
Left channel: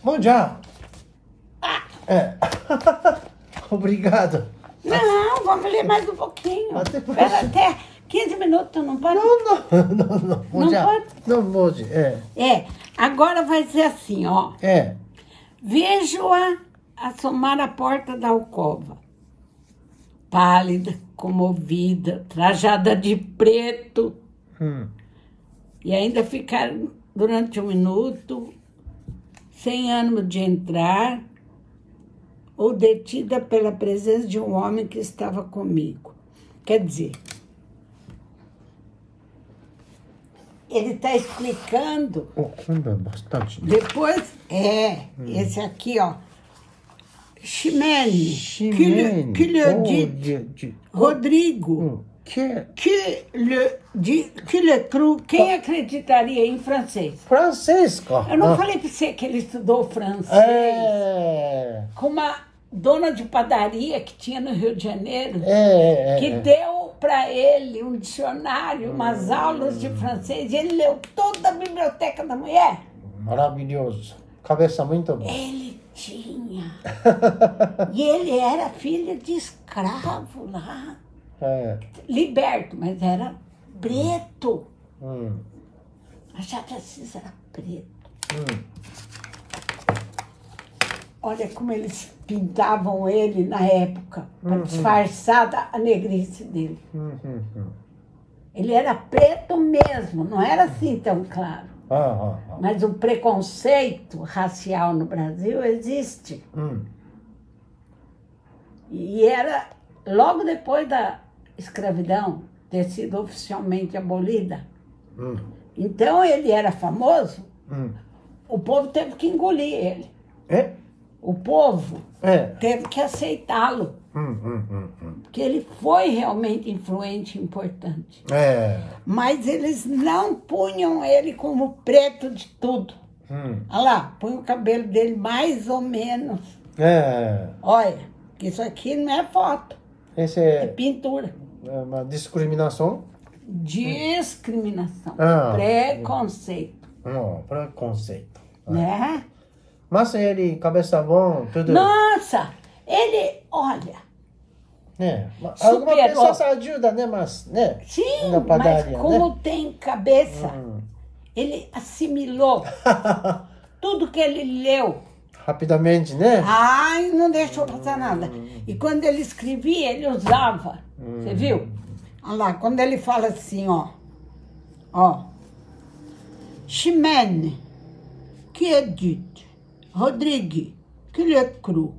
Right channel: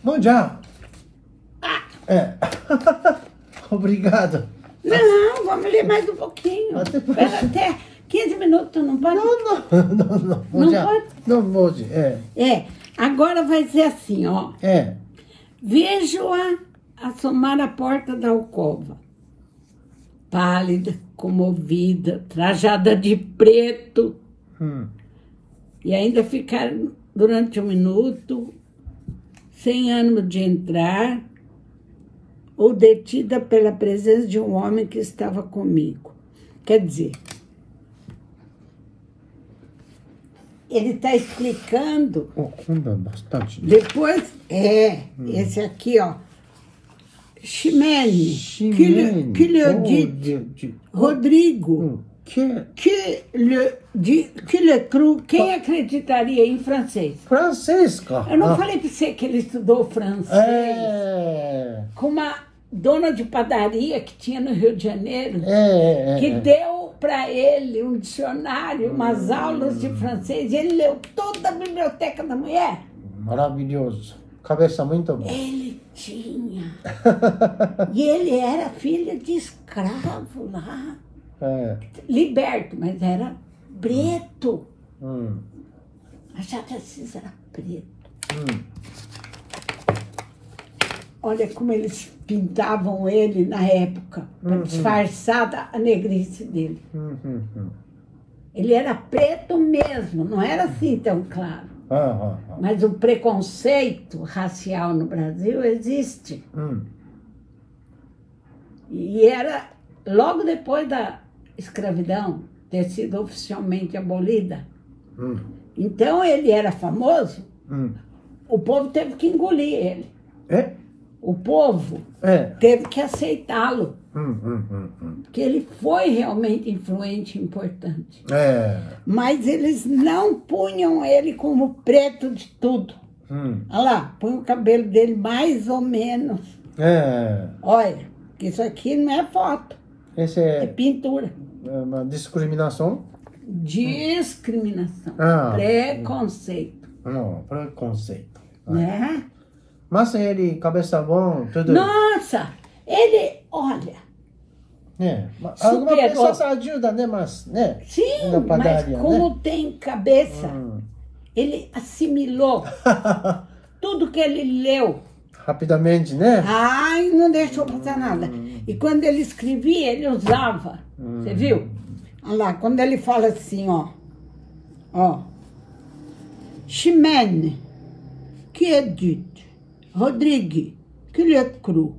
Bom já. Obrigado. Não, vamos ler mais um pouquinho. Espera até 15 minutos, não pode? Não. Não pode? Não pode, Agora vai dizer assim, ó. Vejo-a assomar a porta da alcova, pálida, comovida, trajada de preto, e ainda ficar durante um minuto, sem ânimo de entrar, ou detida pela presença de um homem que estava comigo. Quer dizer, ele está explicando. Bastante. Depois, esse aqui, ó. Chimene, que lhe dit, Rodrigo, que lhe cru, quem acreditaria em francês? Francesco. Eu não falei para você que ele estudou francês com uma dona de padaria que tinha no Rio de Janeiro, que deu para ele um dicionário, umas aulas de francês, e ele leu toda a biblioteca da mulher. Maravilhoso. Cabeça muito boa. Ele tinha. E ele era filho de escravo lá. Liberto, mas era preto. Machado de Assis era preto. Olha como eles pintavam ele na época, para disfarçar a negrice dele. Ele era preto mesmo, não era assim tão claro. Mas o preconceito racial no Brasil existe. E era logo depois da escravidão ter sido oficialmente abolida. Então ele era famoso, o povo teve que engolir ele. O povo teve que aceitá-lo. Porque ele foi realmente influente e importante. Mas eles não punham ele como preto de tudo. Olha lá, põe o cabelo dele mais ou menos. Olha, isso aqui não é foto. É pintura. Uma discriminação? Discriminação. Preconceito. Preconceito. Né? Mas ele, cabeça bom, tudo... Nossa! Ele, olha... Alguma pessoa ajuda, né? Mas, né? Sim, mas como tem cabeça, ele assimilou tudo que ele leu. Rapidamente, né? Ai, não deixou passar nada. E quando ele escrevia, ele usava. Você viu? Olha lá, quando ele fala assim, ó. Chimene, que é dito. Rodrigo, que lhe cru.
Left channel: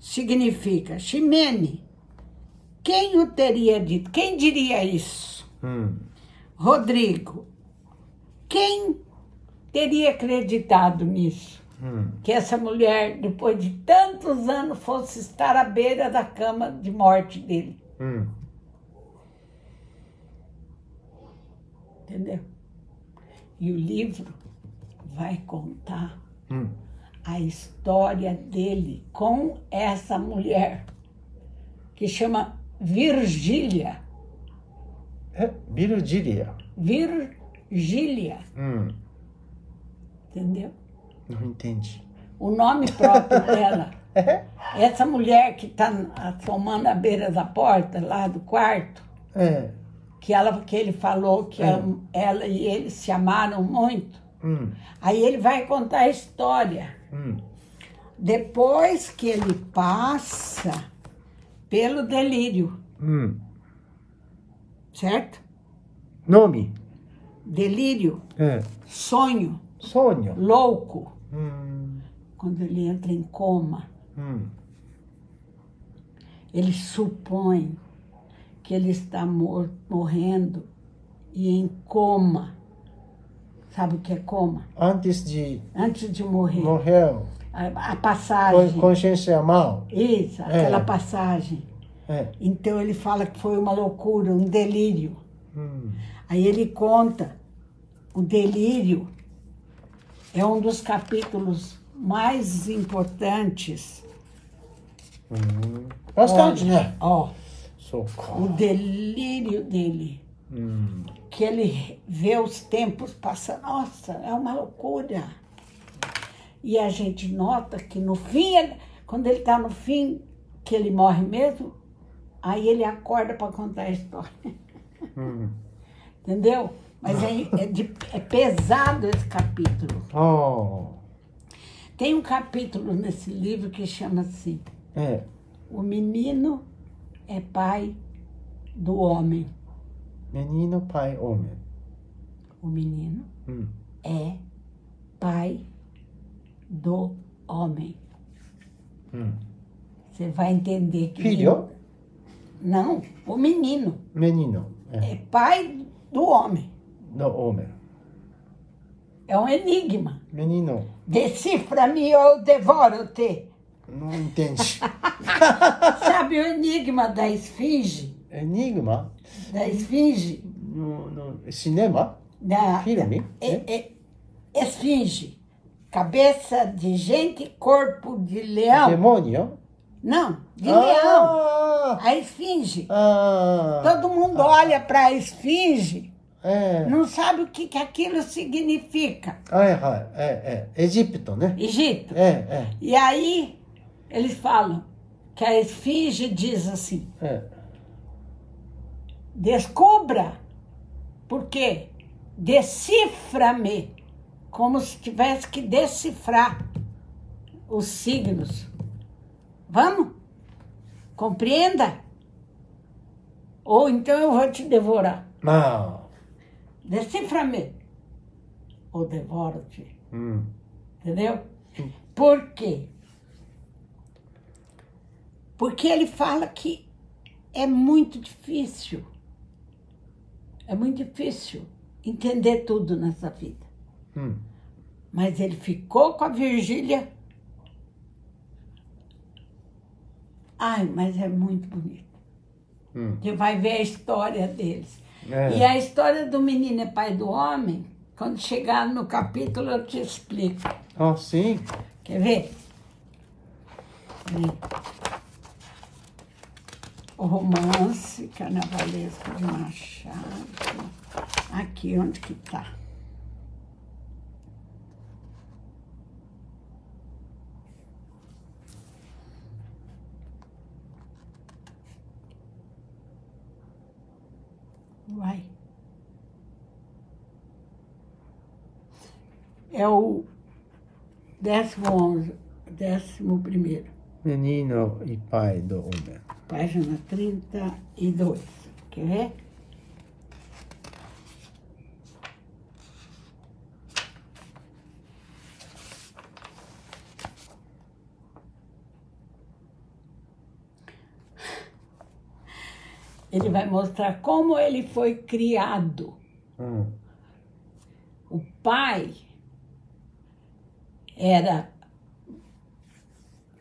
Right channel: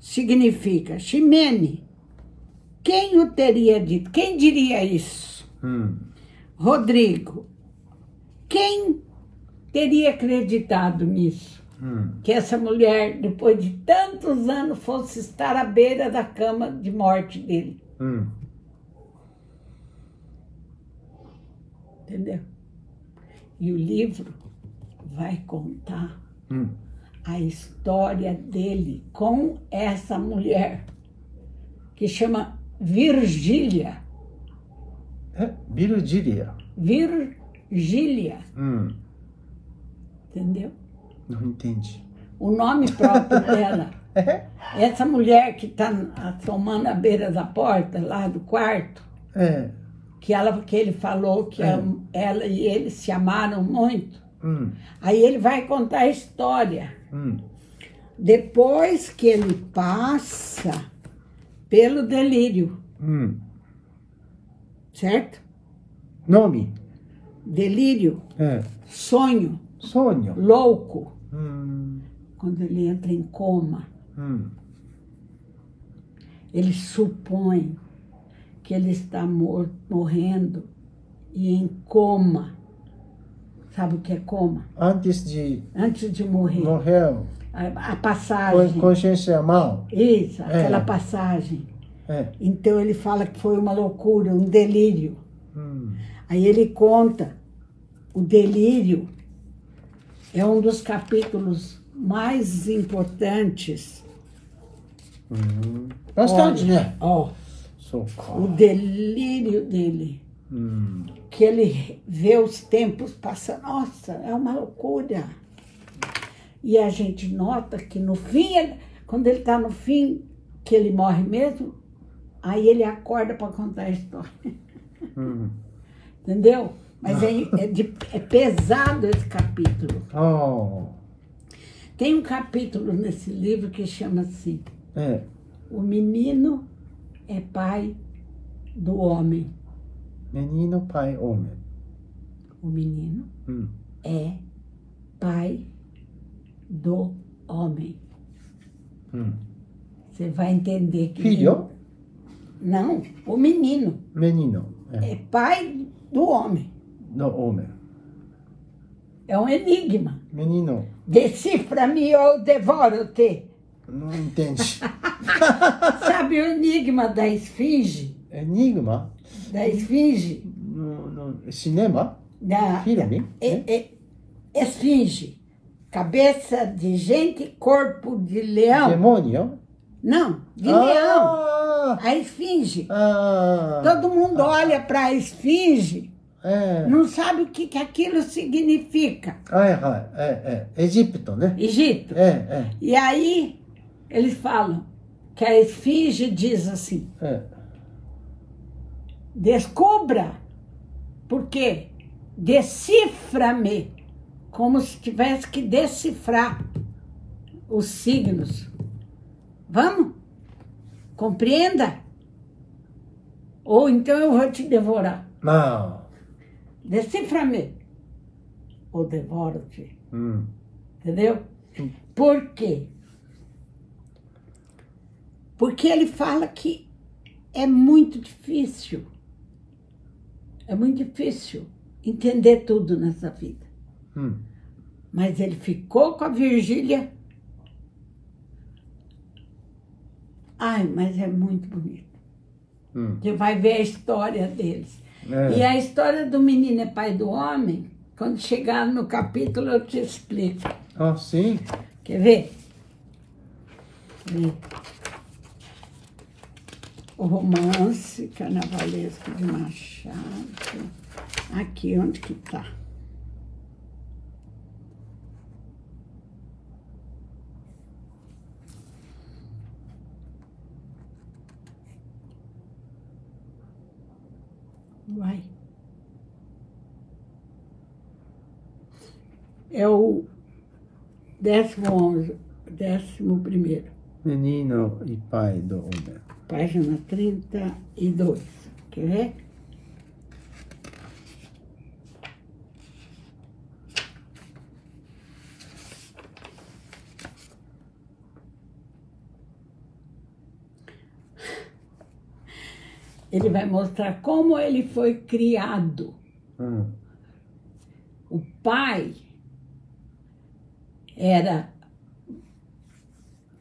Significa, Chimene, quem o teria dito? Quem diria isso? Rodrigo, quem teria acreditado nisso? Que essa mulher, depois de tantos anos, fosse estar à beira da cama de morte dele. Entendeu? E o livro vai contar a história dele com essa mulher, que chama Virgília. Virgília. Virgília. Entendeu? Não entendi. O nome próprio dela. Essa mulher que está assomando à beira da porta, lá do quarto, que ele falou que ela e ele se amaram muito. Aí ele vai contar a história. Depois que ele passa pelo delírio. Certo? Nome? Delírio. Sonho. Sonho. Louco. Quando ele entra em coma. Ele supõe que ele está morrendo e em coma. Sabe o que é coma? Antes de morrer. Morreu. A passagem. Consciência mal. Isso, aquela passagem. Então ele fala que foi uma loucura, um delírio. Aí ele conta, o delírio é um dos capítulos mais importantes. Bastante, né? Ó, o delírio dele. Que ele vê os tempos passando. Nossa, é uma loucura. E a gente nota que no fim, quando ele está no fim, que ele morre mesmo, aí ele acorda para contar a história. Entendeu? Mas é pesado esse capítulo. Tem um capítulo nesse livro que chama assim, O menino é pai do homem. Menino, pai, homem. O menino é pai do homem. Você vai entender que... Filho? Não, o menino. Menino. É pai do homem. Do homem. É um enigma. Menino. Decifra-me ou devoro-te. Não entendi. Sabe o enigma da esfinge? Enigma? Da esfinge? No cinema? Filme? Esfinge. Cabeça de gente, corpo de leão. Demônio? Não, de leão. A esfinge. Todo mundo olha para a esfinge, não sabe o que aquilo significa. Egito, né? Egito. E aí, eles falam que a esfinge diz assim, descubra, porque decifra-me, como se tivesse que decifrar os signos. Vamos? Compreenda? Ou então eu vou te devorar. Não. Decifra-me. Ou devoro-te. Entendeu? Por quê? Porque ele fala que é muito difícil. É muito difícil entender tudo nessa vida. Mas ele ficou com a Virgília. Ai, mas é muito bonito. Você vai ver a história deles. E a história do menino é pai do homem, quando chegar no capítulo eu te explico. Sim? Quer ver? O romance carnavalesco de Machado. Aqui, onde que tá? Vai. É o 11º. Menino e pai do homem. Página 32. Quer ver? Ele vai mostrar como ele foi criado. O pai era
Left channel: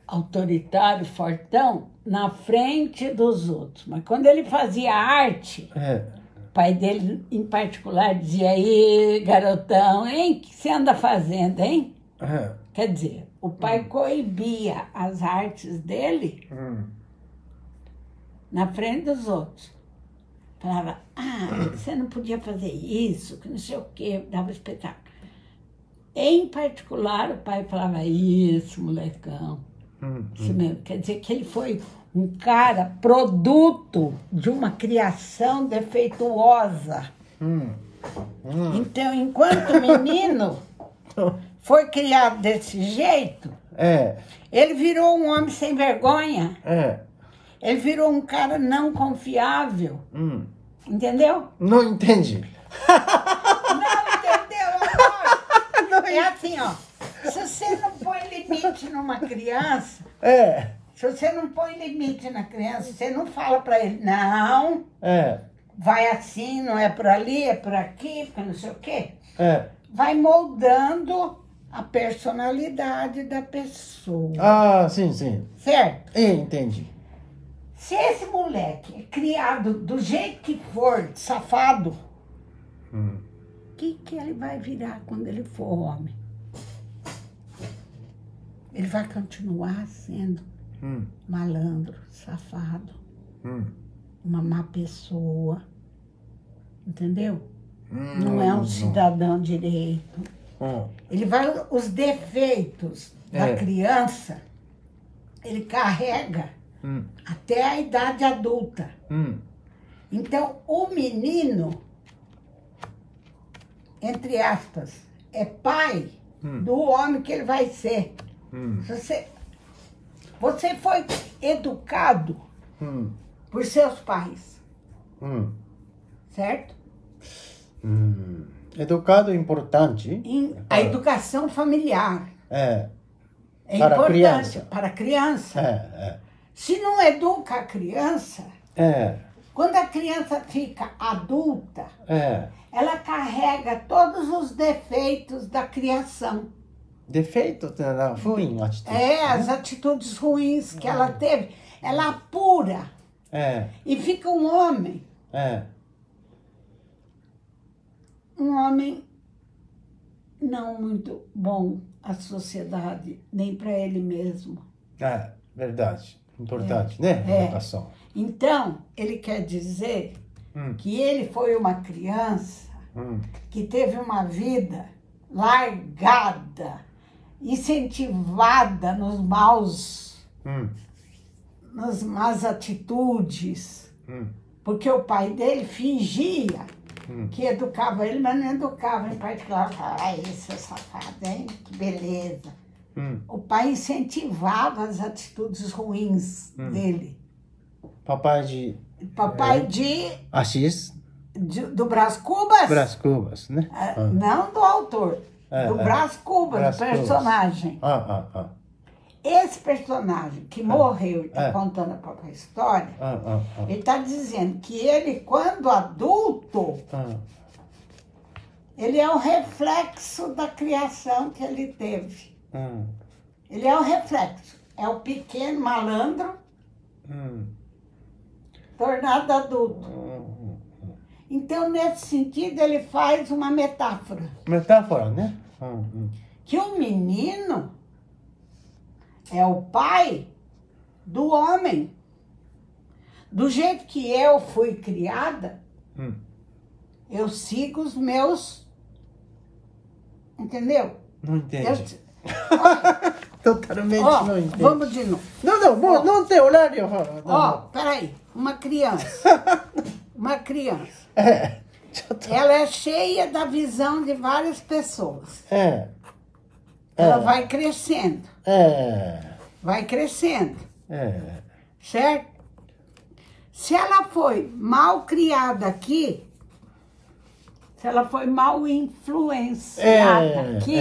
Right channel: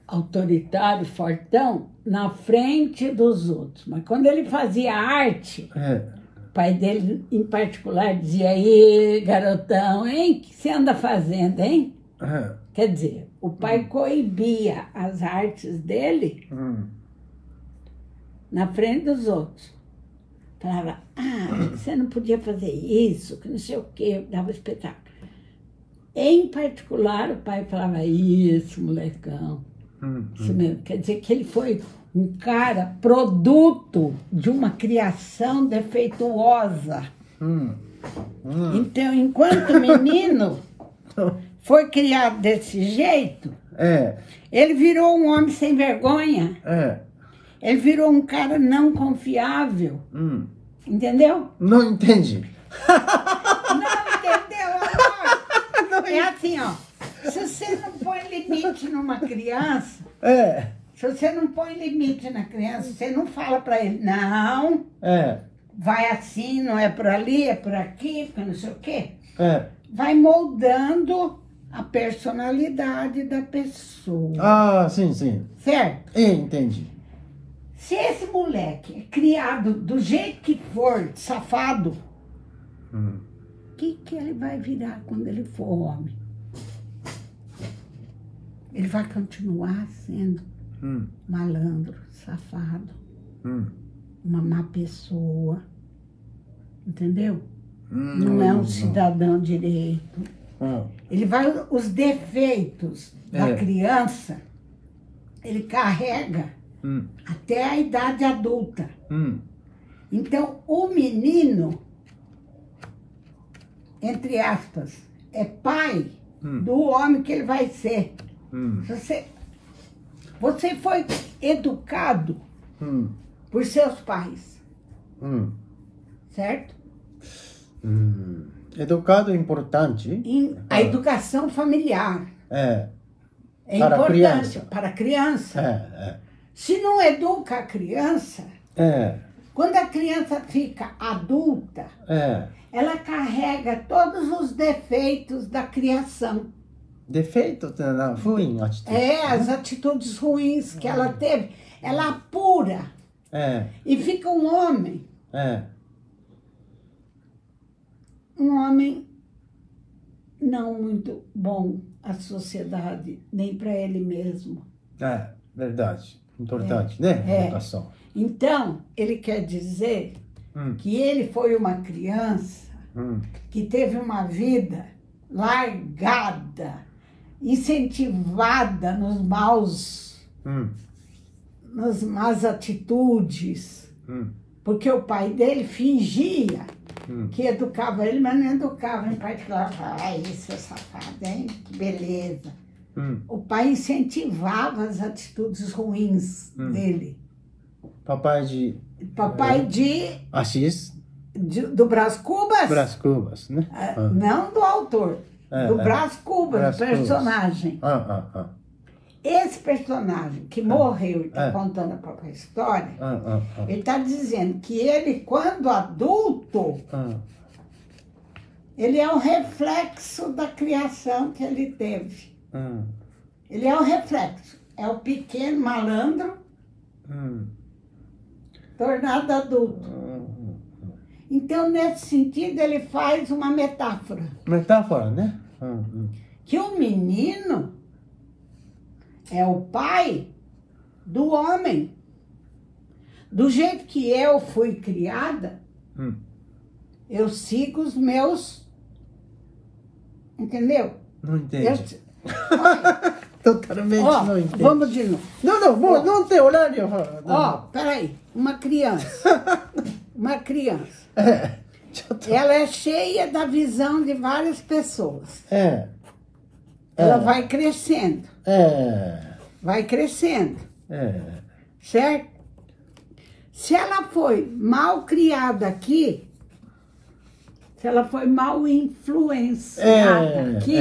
autoritário, fortão, na frente dos outros. Mas quando ele fazia arte, o pai dele, em particular, dizia, aí, garotão, hein? O que você anda fazendo, hein? Quer dizer, o pai coibia as artes dele na frente dos outros. Falava, você não podia fazer isso, que não sei o quê, dava espetáculo. Em particular, o pai falava, isso, molecão. Isso mesmo. Quer dizer que ele foi um cara produto de uma criação defeituosa. Então, enquanto menino foi criado desse jeito, ele virou um homem sem vergonha. Ele virou um cara não confiável. Entendeu? Não entendi. Não entendeu, amor? É assim, ó. Se você não põe limite numa criança, se você não põe limite na criança, você não fala pra ele, não, vai assim, não é por ali, é por aqui, não sei o quê. Vai moldando a personalidade da pessoa. Sim, sim. Certo? Entendi. Se esse moleque é criado do jeito que for, safado, o que ele vai virar quando ele for homem? Ele vai continuar sendo malandro, safado, uma má pessoa, entendeu? Não é um cidadão direito. Ele vai, os defeitos da criança, ele carrega até a idade adulta. Então, o menino, entre aspas, é pai do homem que ele vai ser. Você foi educado por seus pais, certo? Educado é importante. A educação familiar é importante para a criança. Se não educa a criança, quando a criança fica adulta, ela carrega todos os defeitos da criação. Defeito ruim, atitude. As atitudes ruins que ela teve, ela apura e fica um homem. Um homem não muito bom à sociedade, nem para ele mesmo. Verdade. Importante, né? Educação. Então, ele quer dizer que ele foi uma criança que teve uma vida largada, incentivada nas más atitudes, porque o pai dele fingia que educava ele, mas não educava em particular. Isso é safado, hein? Que beleza. O pai incentivava as atitudes ruins dele. Papai de Assis. Do Brás Cubas? Brás Cubas, né? Não do autor. Do Brás Cubas, do personagem. Esse personagem que morreu e está contando a própria história, ele está dizendo que ele, quando adulto, ele é o reflexo da criação que ele teve. Ele é o reflexo. É o pequeno malandro tornado adulto. Então, nesse sentido, ele faz uma metáfora. Metáfora, né? Que o menino é o pai do homem. Do jeito que eu fui criada, eu sigo os meus... Entendeu? Não entendi. Totalmente não entendi. Vamos de novo. Não tem horário. Peraí. Uma criança. Ela é cheia da visão de várias pessoas. Ela vai crescendo. Vai crescendo. Certo? Se ela foi mal criada aqui, se ela foi mal influenciada aqui,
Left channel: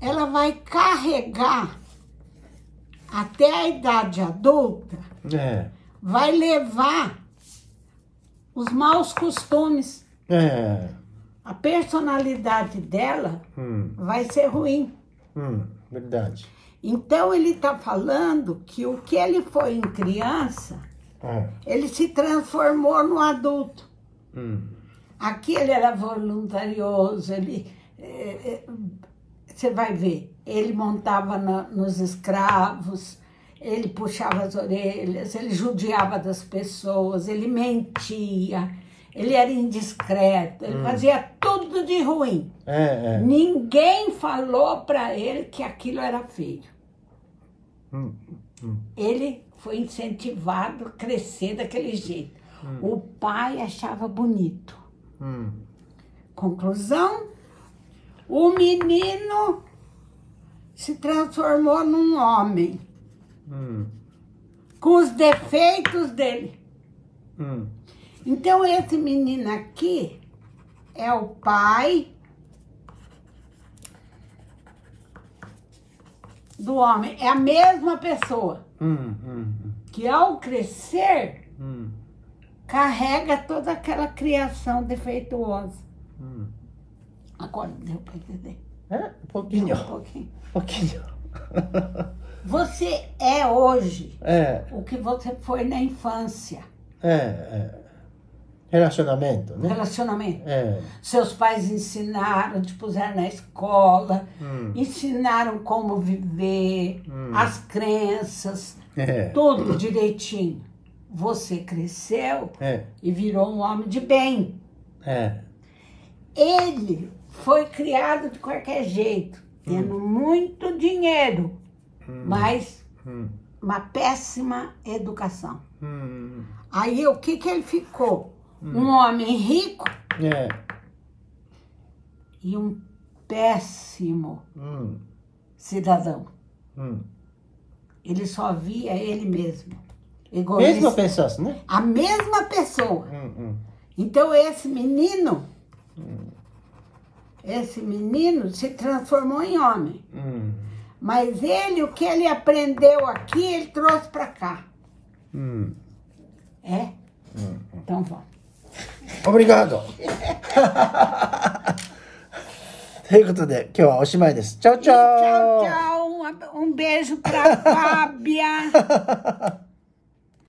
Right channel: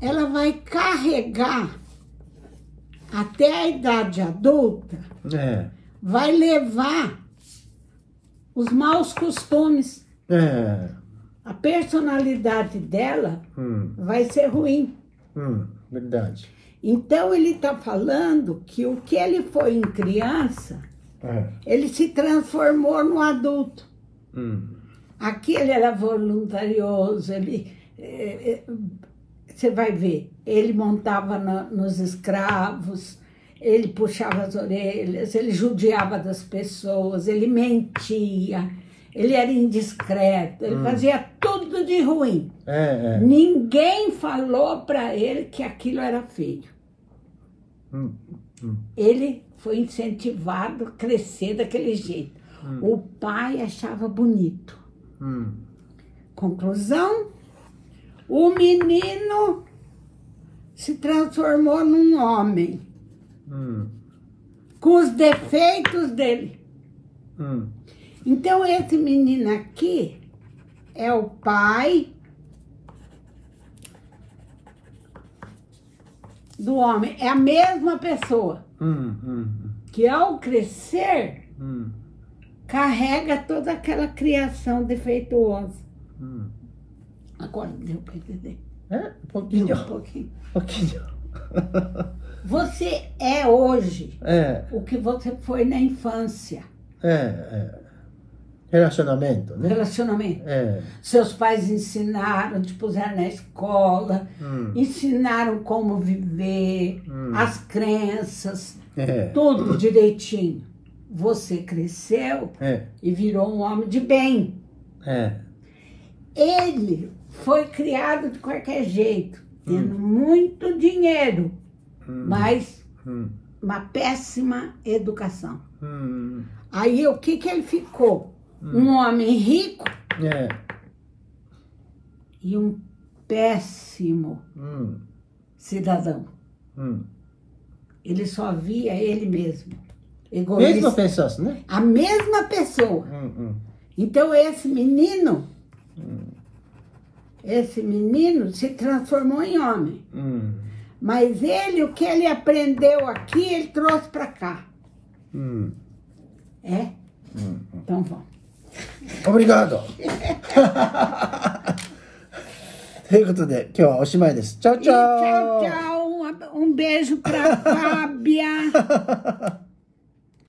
ela vai carregar até a idade adulta, vai levar os maus costumes. A personalidade dela vai ser ruim. Verdade. Então, ele está falando que o que ele foi em criança, ele se transformou no adulto. Aqui ele era voluntarioso, você vai ver, ele montava nos escravos, ele puxava as orelhas, ele judiava das pessoas, ele mentia, ele era indiscreto, ele fazia tudo de ruim. Ninguém falou para ele que aquilo era feio. Ele foi incentivado a crescer daquele jeito. O pai achava bonito. Conclusão, o menino se transformou num homem. Com os defeitos dele. Então, esse menino aqui é o pai do homem. É a mesma pessoa. Que ao crescer, carrega toda aquela criação defeituosa. Agora, deu para entender? Um pouquinho. Um pouquinho. Você é hoje o que você foi na infância. Relacionamento, né? Relacionamento. Seus pais ensinaram, te puseram na escola, ensinaram como viver, as crenças, tudo direitinho. Você cresceu e virou um homem de bem. Ele foi criado de qualquer jeito, tendo muito dinheiro, mas uma péssima educação. Aí o que ele ficou? Um homem rico e um péssimo cidadão. Ele só via ele mesmo. Egoísta. Mesmo pensasse, né? A mesma pessoa. Então esse menino se transformou em homem. Mas ele, o que ele aprendeu aqui, ele trouxe para cá. Então vamos. Obrigado! ということで、今日はおしまいです。チャオチャオ Tchau, tchau. Um beijo pra Fábia.